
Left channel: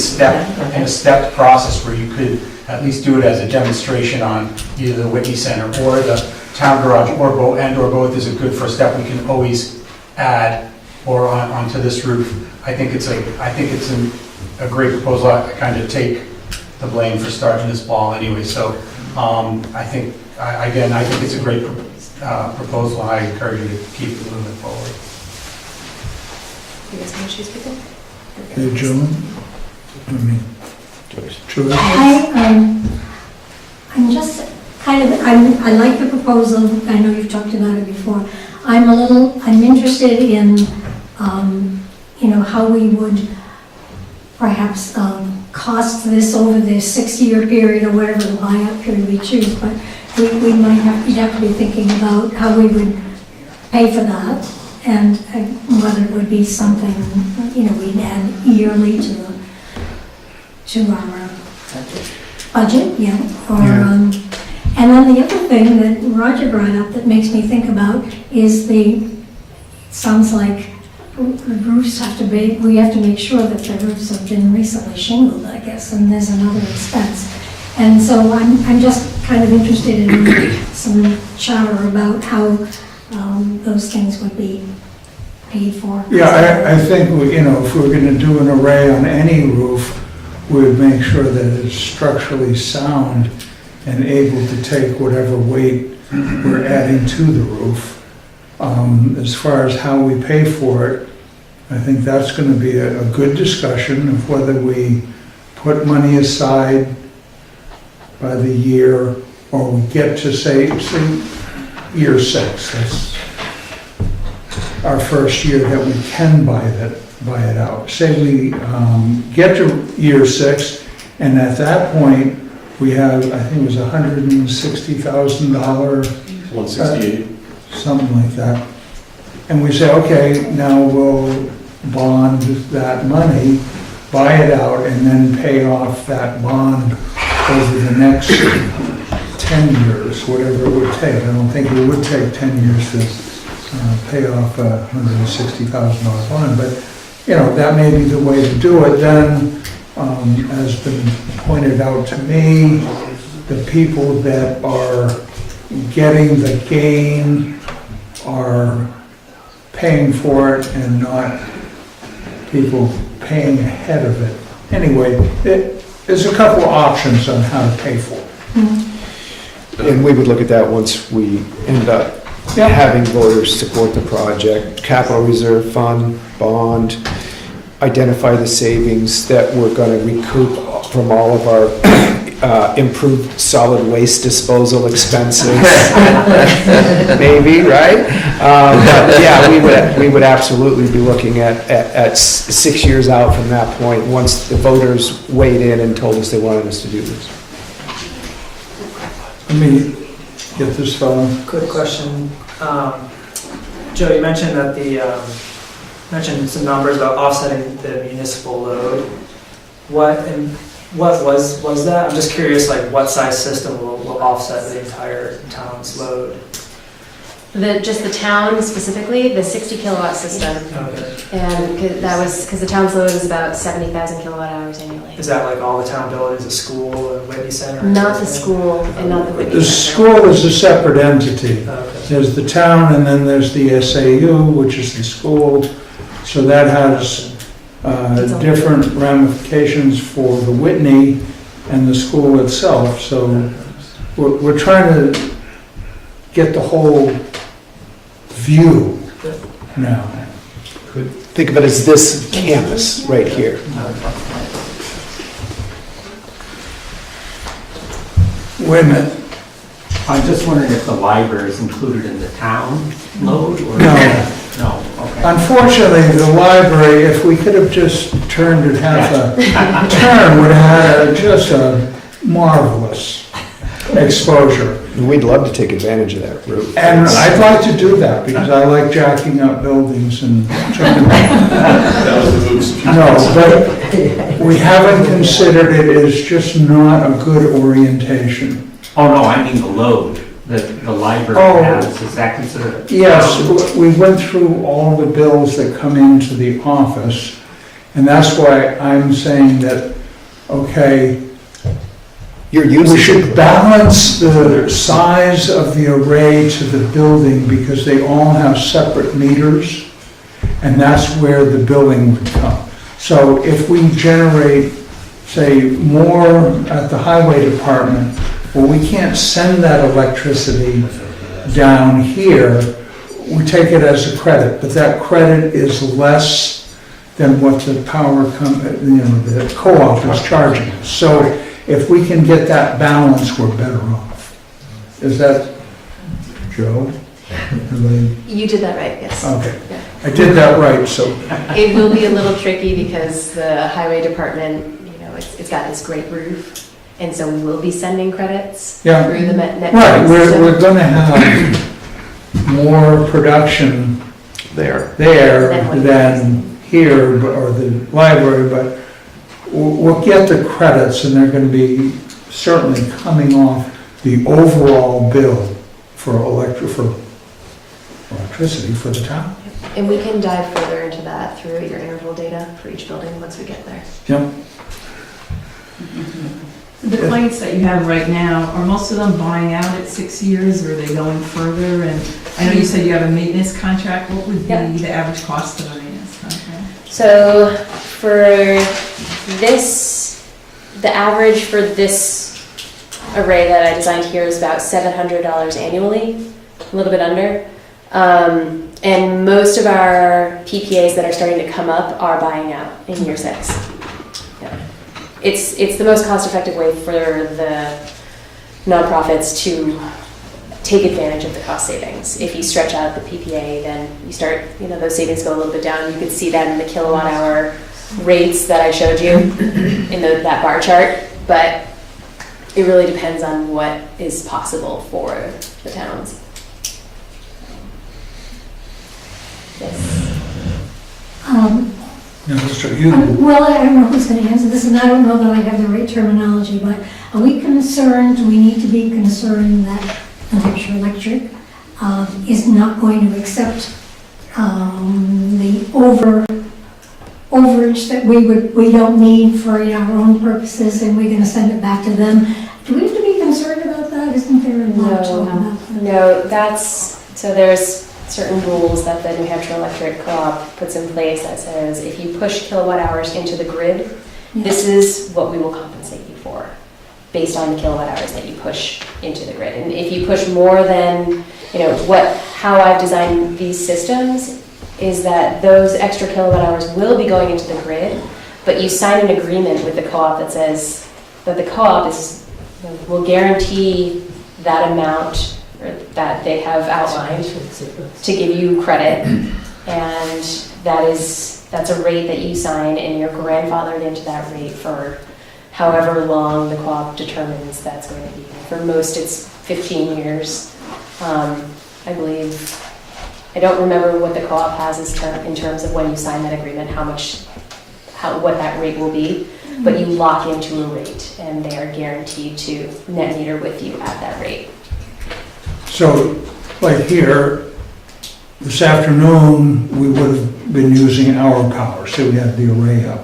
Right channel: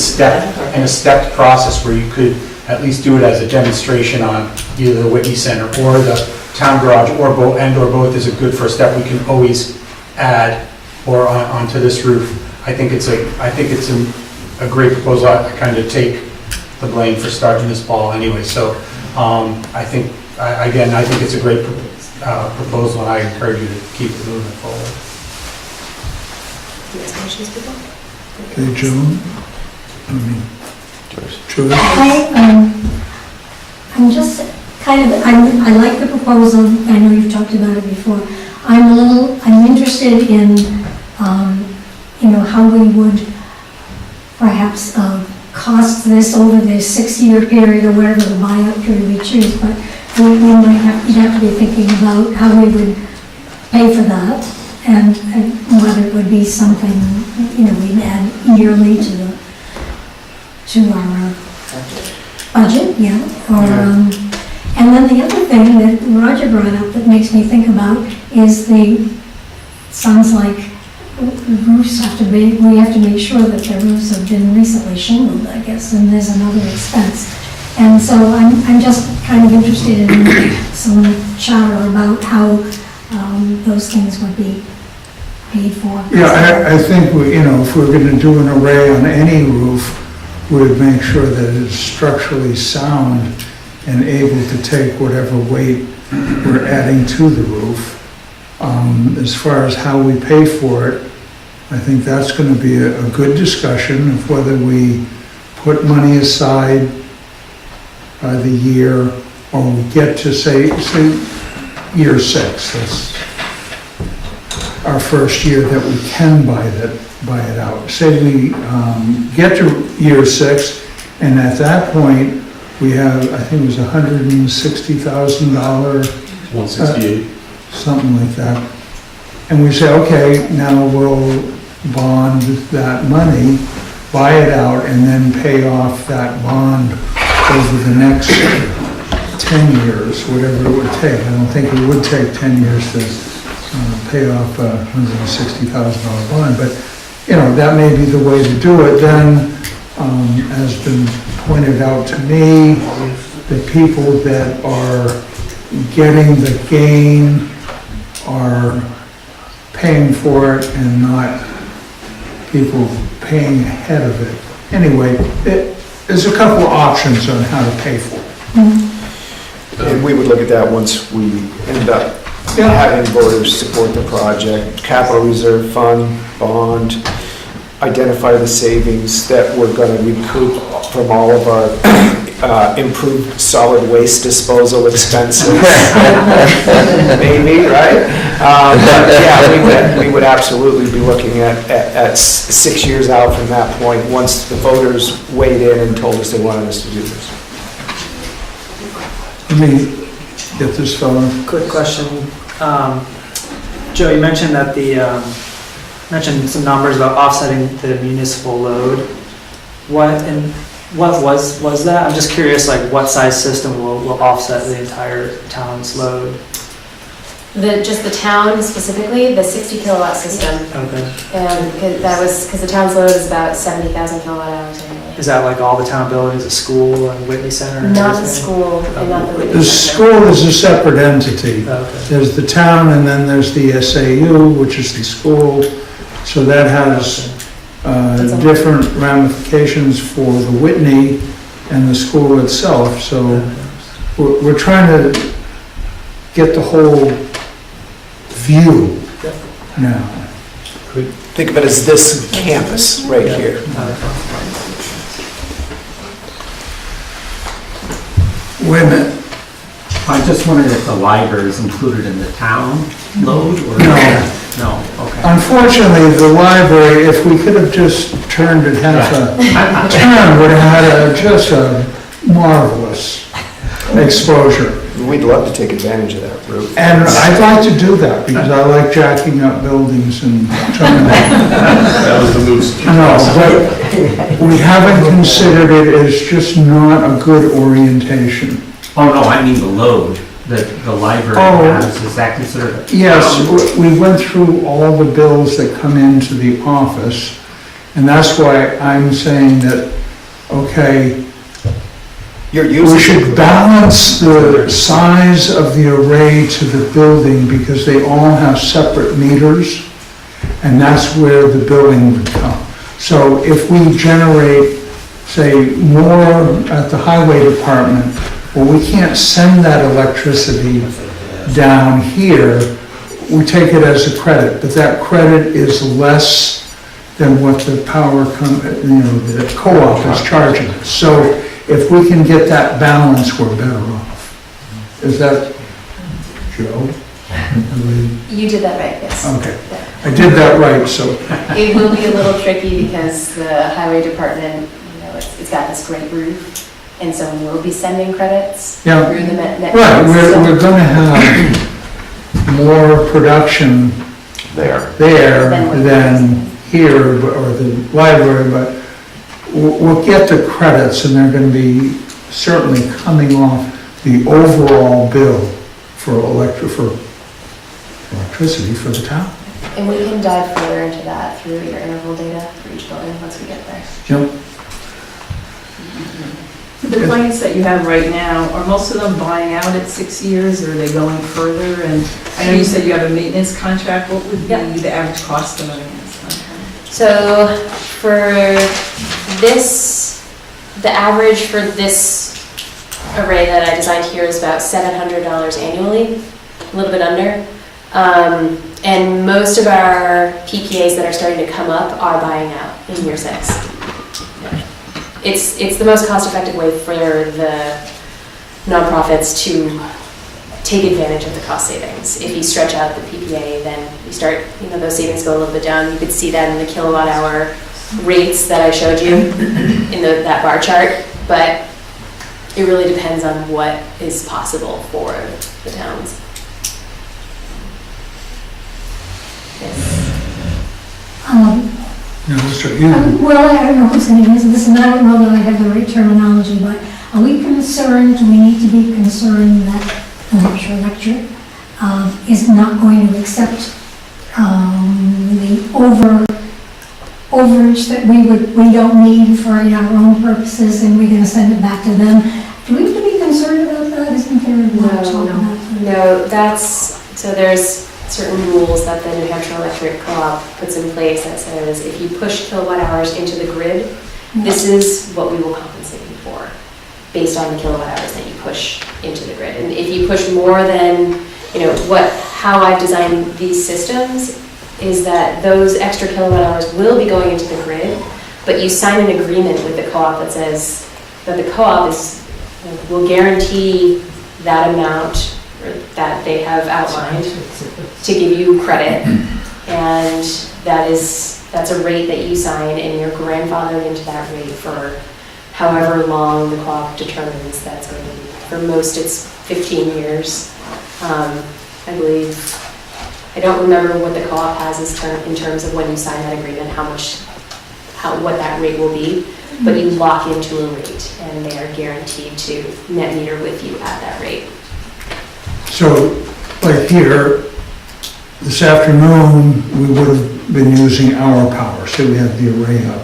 stepped process where you could at least do it as a demonstration on either the Whitney Center or the town garage or both is a good first step. We can always add or onto this roof. I think it's a great proposal. I kind of take the blame for starting this ball anyway. So I think it's a great proposal, and I encourage you to keep it moving forward. Okay, Joan? Joyce? I'm just I like the proposal. I know you've talked about it before. I'm interested in, how we would perhaps cost this over the 6-year period or whatever the buyout period we choose, but you'd have to be thinking about how we would pay for that and whether it would be something, we'd add yearly to our budget, yeah. And then the other thing that Roger brought up that makes me think about is sounds like roofs we have to make sure that the roofs have been recently shingled, I guess, and there's another expense. And so I'm just kind of interested in some chatter about how those things would be paid for. Yeah, I think, if we're going to do an array on any roof, we'd make sure that it's structurally sound and able to take whatever weight we're adding to the roof. As far as how we pay for it, I think that's going to be a good discussion of whether we put money aside by the year, or we get to say year 6. That's our first year that we can buy it out. Say we get to year 6, and at that point, we have, I think it was $160,000, 168. something like that. And we say, okay, now we'll bond that money, buy it out, and then pay off that bond over the next 10 years, whatever it would take. I don't think it would take 10 years to pay off a $160,000 bond, but, that may be the way to do it. Then, has been pointed out to me, the people that are getting the gain are paying for it and not people paying ahead of it. Anyway, there's a couple options on how to pay for it. And we would look at that once we ended up having voters support the project, capital reserve fund, bond, identify the savings that we're going to recoup from all of our improved solid waste disposal expenses. Maybe, right? But yeah, we would absolutely be looking at 6 years out from that point, once the voters weighed in and told us they wanted us to do this. Let me get this fellow. Quick question. Joe, you mentioned that mentioned some numbers about offsetting the municipal load. What was that? I'm just curious, like what size system will offset the entire town's load? Just the town specifically, the 60 kilowatt system. Okay. And that was, because the town's load is about 70,000 kilowatt hours anyway. Is that like all the town buildings, the school and Whitney Center? And Not the everything? school and not the Whitney The Center. school is a separate entity. Okay. There's the town, and then there's the SAU, which is the school. So that has different ramifications for the Whitney and the school itself. So we're trying to get the whole view now. Think of it as this campus right here. Wait a minute. I just wondered if the library is included in the town load or? No. No, okay. Unfortunately, the library, if we could have just turned it half a turn, would have had just a marvelous exposure. We'd love to take advantage of that roof. And I'd like to do that because I like jacking up buildings and trying to. That was the moves. No, but we haven't considered it as just not a good orientation. Oh, no, I mean the load that the library has, is that considered? Yes, we went through all the bills that come into the office, and that's why I'm saying that, okay, we should balance the size of the array to the building because they all have separate meters, and that's where the billing would come. So if we generate, say, more at the highway department, well, we can't send that electricity down here. We take it as a credit, but that credit is less than what the power the co-op is charging us. So if we can get that balance, we're better off. Is that, Joe? You did that right, yes. Okay, I did that right, so. It will be a little tricky because the highway department, it's got this great roof, and so we will be sending credits through the net. Right, we're going to have more production there than here, or the library, but we'll get the credits, and they're going to be certainly coming off the overall bill for electricity for the town. And we can dive further into that through your interval data for each building once we get there. Yep. The lights that you have right now, are most of them buying out at 6 years, or are they going further? And I know you said you have a maintenance contract. What would Yeah. be the average cost of a maintenance contract? So for this, the average for this array that I designed here is about $700 annually, a little bit under. And most of our PPAs that are starting to come up are buying out in year 6. Yeah. It's the most cost-effective way for the nonprofits to take advantage of the cost savings. If you stretch out the PPA, then you start, those savings go a little bit down. You could see that in the kilowatt hour rates that I showed you in that bar chart, but it really depends on what is possible for the towns. No, Mr. You. Well, I don't know who's going to answer this, and I don't know that I have the right terminology, but are we concerned, we need to be concerned that New Hampshire Electric is not going to accept the overage that we don't need for our own purposes, and we're going to send it back to them? Do we have to be concerned about that? Isn't there a lot of talk about that? No, so there's certain rules that the New Hampshire Electric Co-op puts in place that says if you push kilowatt hours into the grid, this is what we will compensate you for based on the kilowatt hours that you push into the grid. And if you push more than, how I've designed these systems is that those extra kilowatt hours will be going into the grid, but you sign an agreement with the co-op that says that the co-op will guarantee that amount that they have outlined to give you credit, and that's a rate that you sign, and you're grandfathered into that rate for however long the co-op determines that's going to be. For most, it's 15 years. I believe, I don't remember what the co-op has in terms of when you sign that agreement, what that rate will be, but you lock into a rate, and they are guaranteed to net meter with you at that rate. So, like here, this afternoon, we would have been using our power, so we had the array up.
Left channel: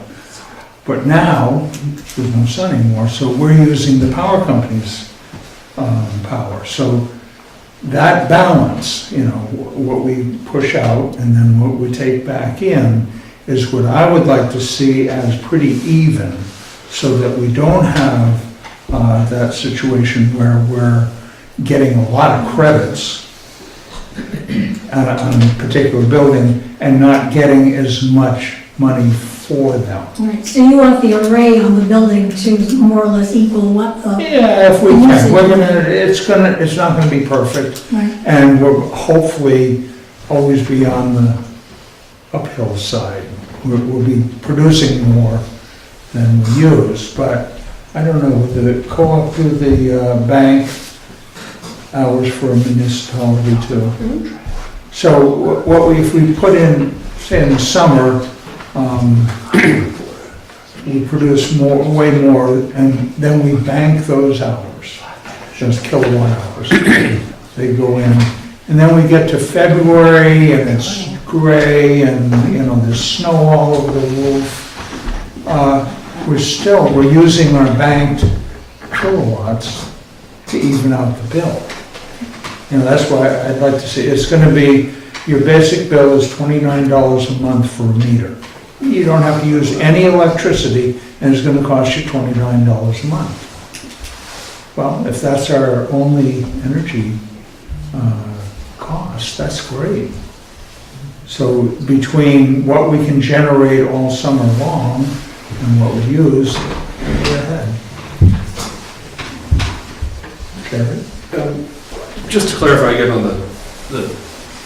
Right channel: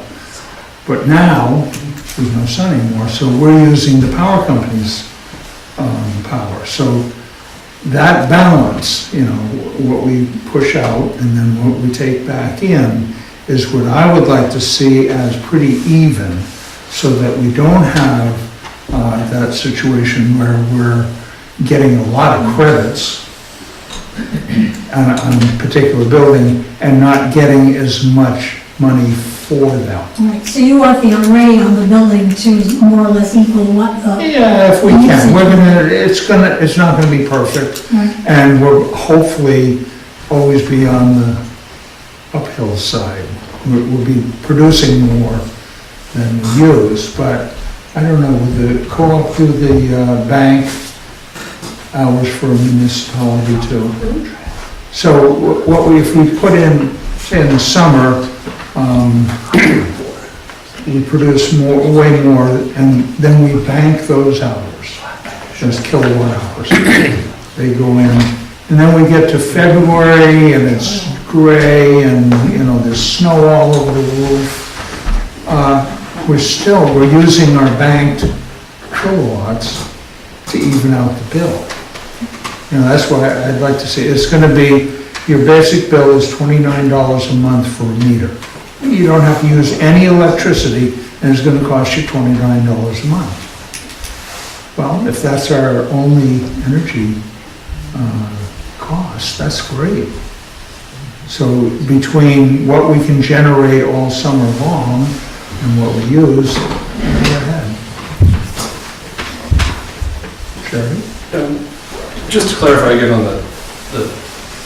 But now, there's no sun anymore, so we're using the power company's power. So that balance, what we push out and then what we take back in is what I would like to see as pretty even, so that we don't have that situation where we're getting a lot of credits on a particular building and not getting as much money for them. Right, so you want the array on the building to more or less equal what the... Yeah, if we can. It's not gonna be perfect, Right. and we'll hopefully always be on the uphill side. We'll be producing more than we use, but I don't know, would the co-op do the bank hours for a municipality too? So if we put in, say in the summer, we produce way more, and then we bank those hours, just kilowatt hours. They go in, and then we get to February, and it's gray, and there's snow all over the roof. We're using our banked kilowatts to even out the bill. That's why I'd like to see, it's gonna be, your basic bill is $29 a month for a meter. You don't have to use any electricity, and it's gonna cost you $29 a month. Well, if that's our only energy cost, that's great. So between what we can generate all summer long and what we use, we're ahead. Sherry? Just to clarify again on the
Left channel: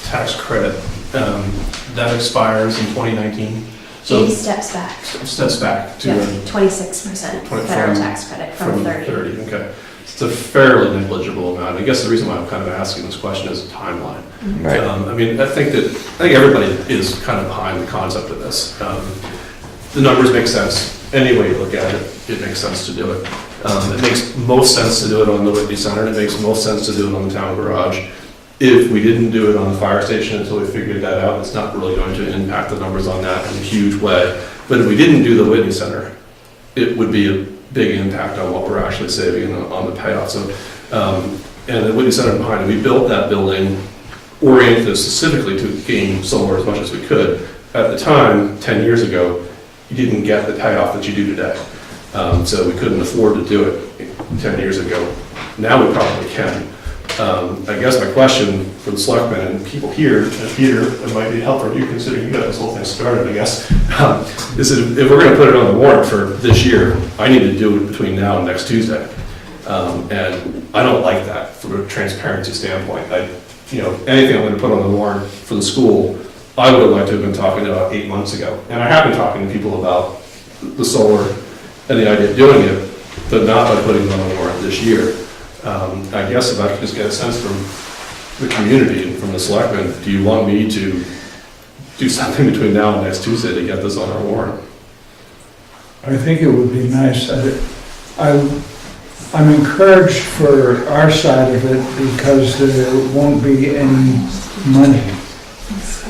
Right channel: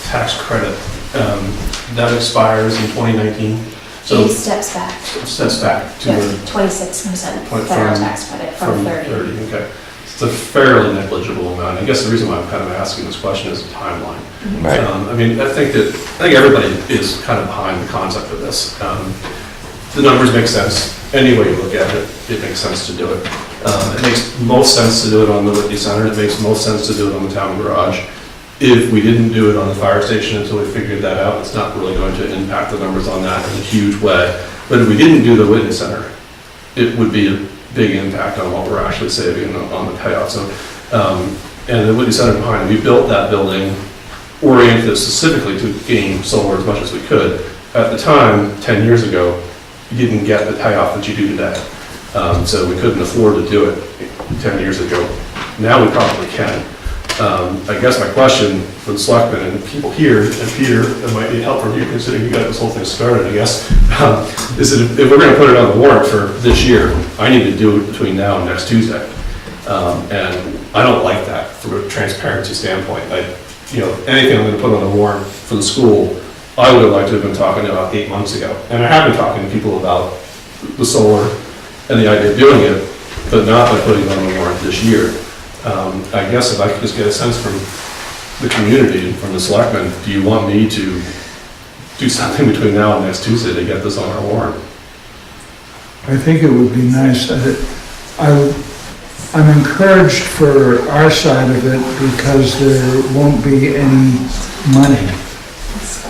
tax credit, that expires in 2019? So It steps back. steps back to 26% From- federal tax credit from 30. Okay. It's a fairly negligible amount. I guess the reason why I'm kind of asking this question is the timeline. Right. I think everybody is kind of behind the concept of this. The numbers make sense. Any way you look at it, it makes sense to do it. It makes most sense to do it on the Whitney Center. It makes most sense to do it on the town garage. If we didn't do it on the fire station until we figured that out, it's not really going to impact the numbers on that in a huge way. But if we didn't do the Whitney Center, it would be big impact on what we're actually saving on the payout. So, and the Whitney Center behind it, we built that building oriented specifically to gain solar as much as we could. At the time, 10 years ago, you didn't get the payoff that you do today. So we couldn't afford to do it 10 years ago. Now we probably can. I guess my question for the selectmen and people here, and Peter, that might need help from you, considering you got this whole thing started, I guess, is that if we're gonna put it on the warrant for this year, I need to do it between now and next Tuesday. And I don't like that from a transparency standpoint. Anything I'm gonna put on the warrant for the school, I would have liked to have been talking about 8 months ago. And I have been talking to people about the solar and the idea of doing it, but not by putting it on the warrant this year. I guess if I could just get a sense from the community and from the selectmen, do you want me to do something between now and next Tuesday to get this on our warrant? I think it would be nice that I'm encouraged for our side of it because there won't be any money.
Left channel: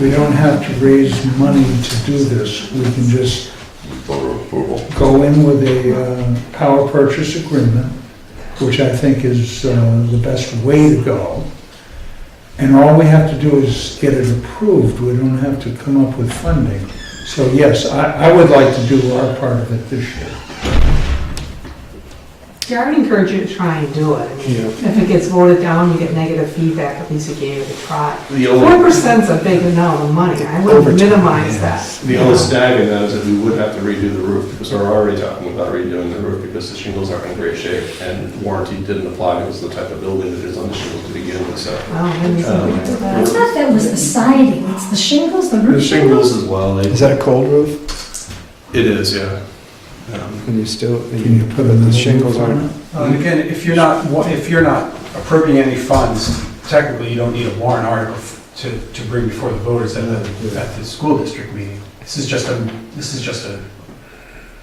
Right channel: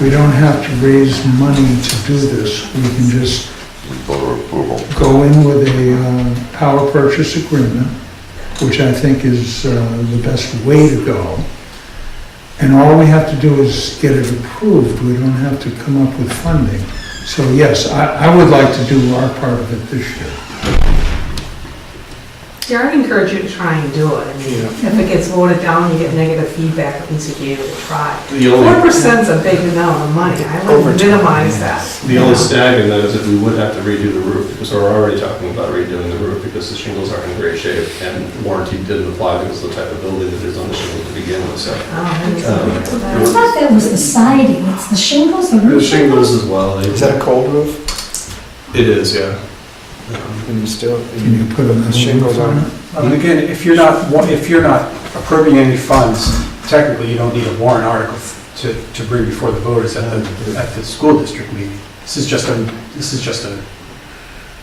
We don't have to raise money to do this. We can just go in with a power purchase agreement, which I think is the best way to go. And all we have to do is get it approved. We don't have to come up with funding. So yes, I would like to do our part of it this year. Yeah, I'd encourage you to try and do it. I mean, if it gets voted down, you get negative feedback, at least you gave it a try. 4%'s a big amount of money. I would minimize that. The only snag in that is that we would have to redo the roof, because we're already talking about redoing the roof because the shingles are in great shape and warranty didn't apply because of the type of building that is on the shingles to begin with, so. I thought that was the siding, it's the shingles, the The roof shingles? shingles as well. Is that a cold roof? It is, yeah. Can you still, Can you put the a shingles on? And again, if you're not approving any funds, technically you don't need a warrant article to bring before the voters at the school district meeting. This is just a.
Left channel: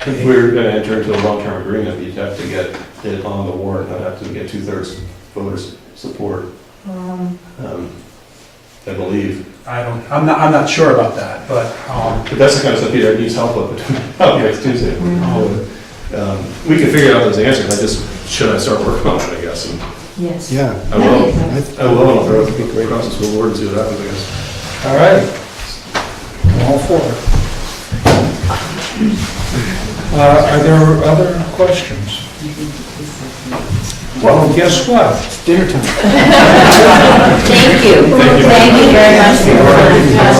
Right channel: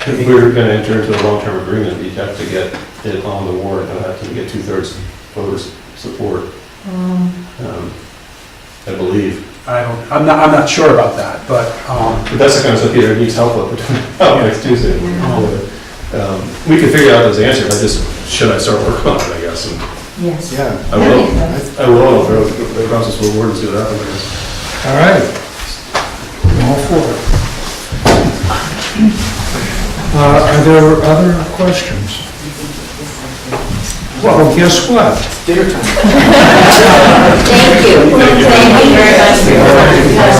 If we're gonna enter into a long-term agreement, you'd have to get it on the warrant, and have to get 2/3 voters' support, I believe. I'm not sure about that, but. But that's the kind of stuff Peter needs help with between now and next Tuesday. We can figure out those answers, should I start working on it, I guess? And Yes. Yeah. I will, I'll throw it across this whole word and see what happens, I guess. All right. All for it. Are there other questions? Well, guess what? Dinner time. Thank you. Thank you very much for your time.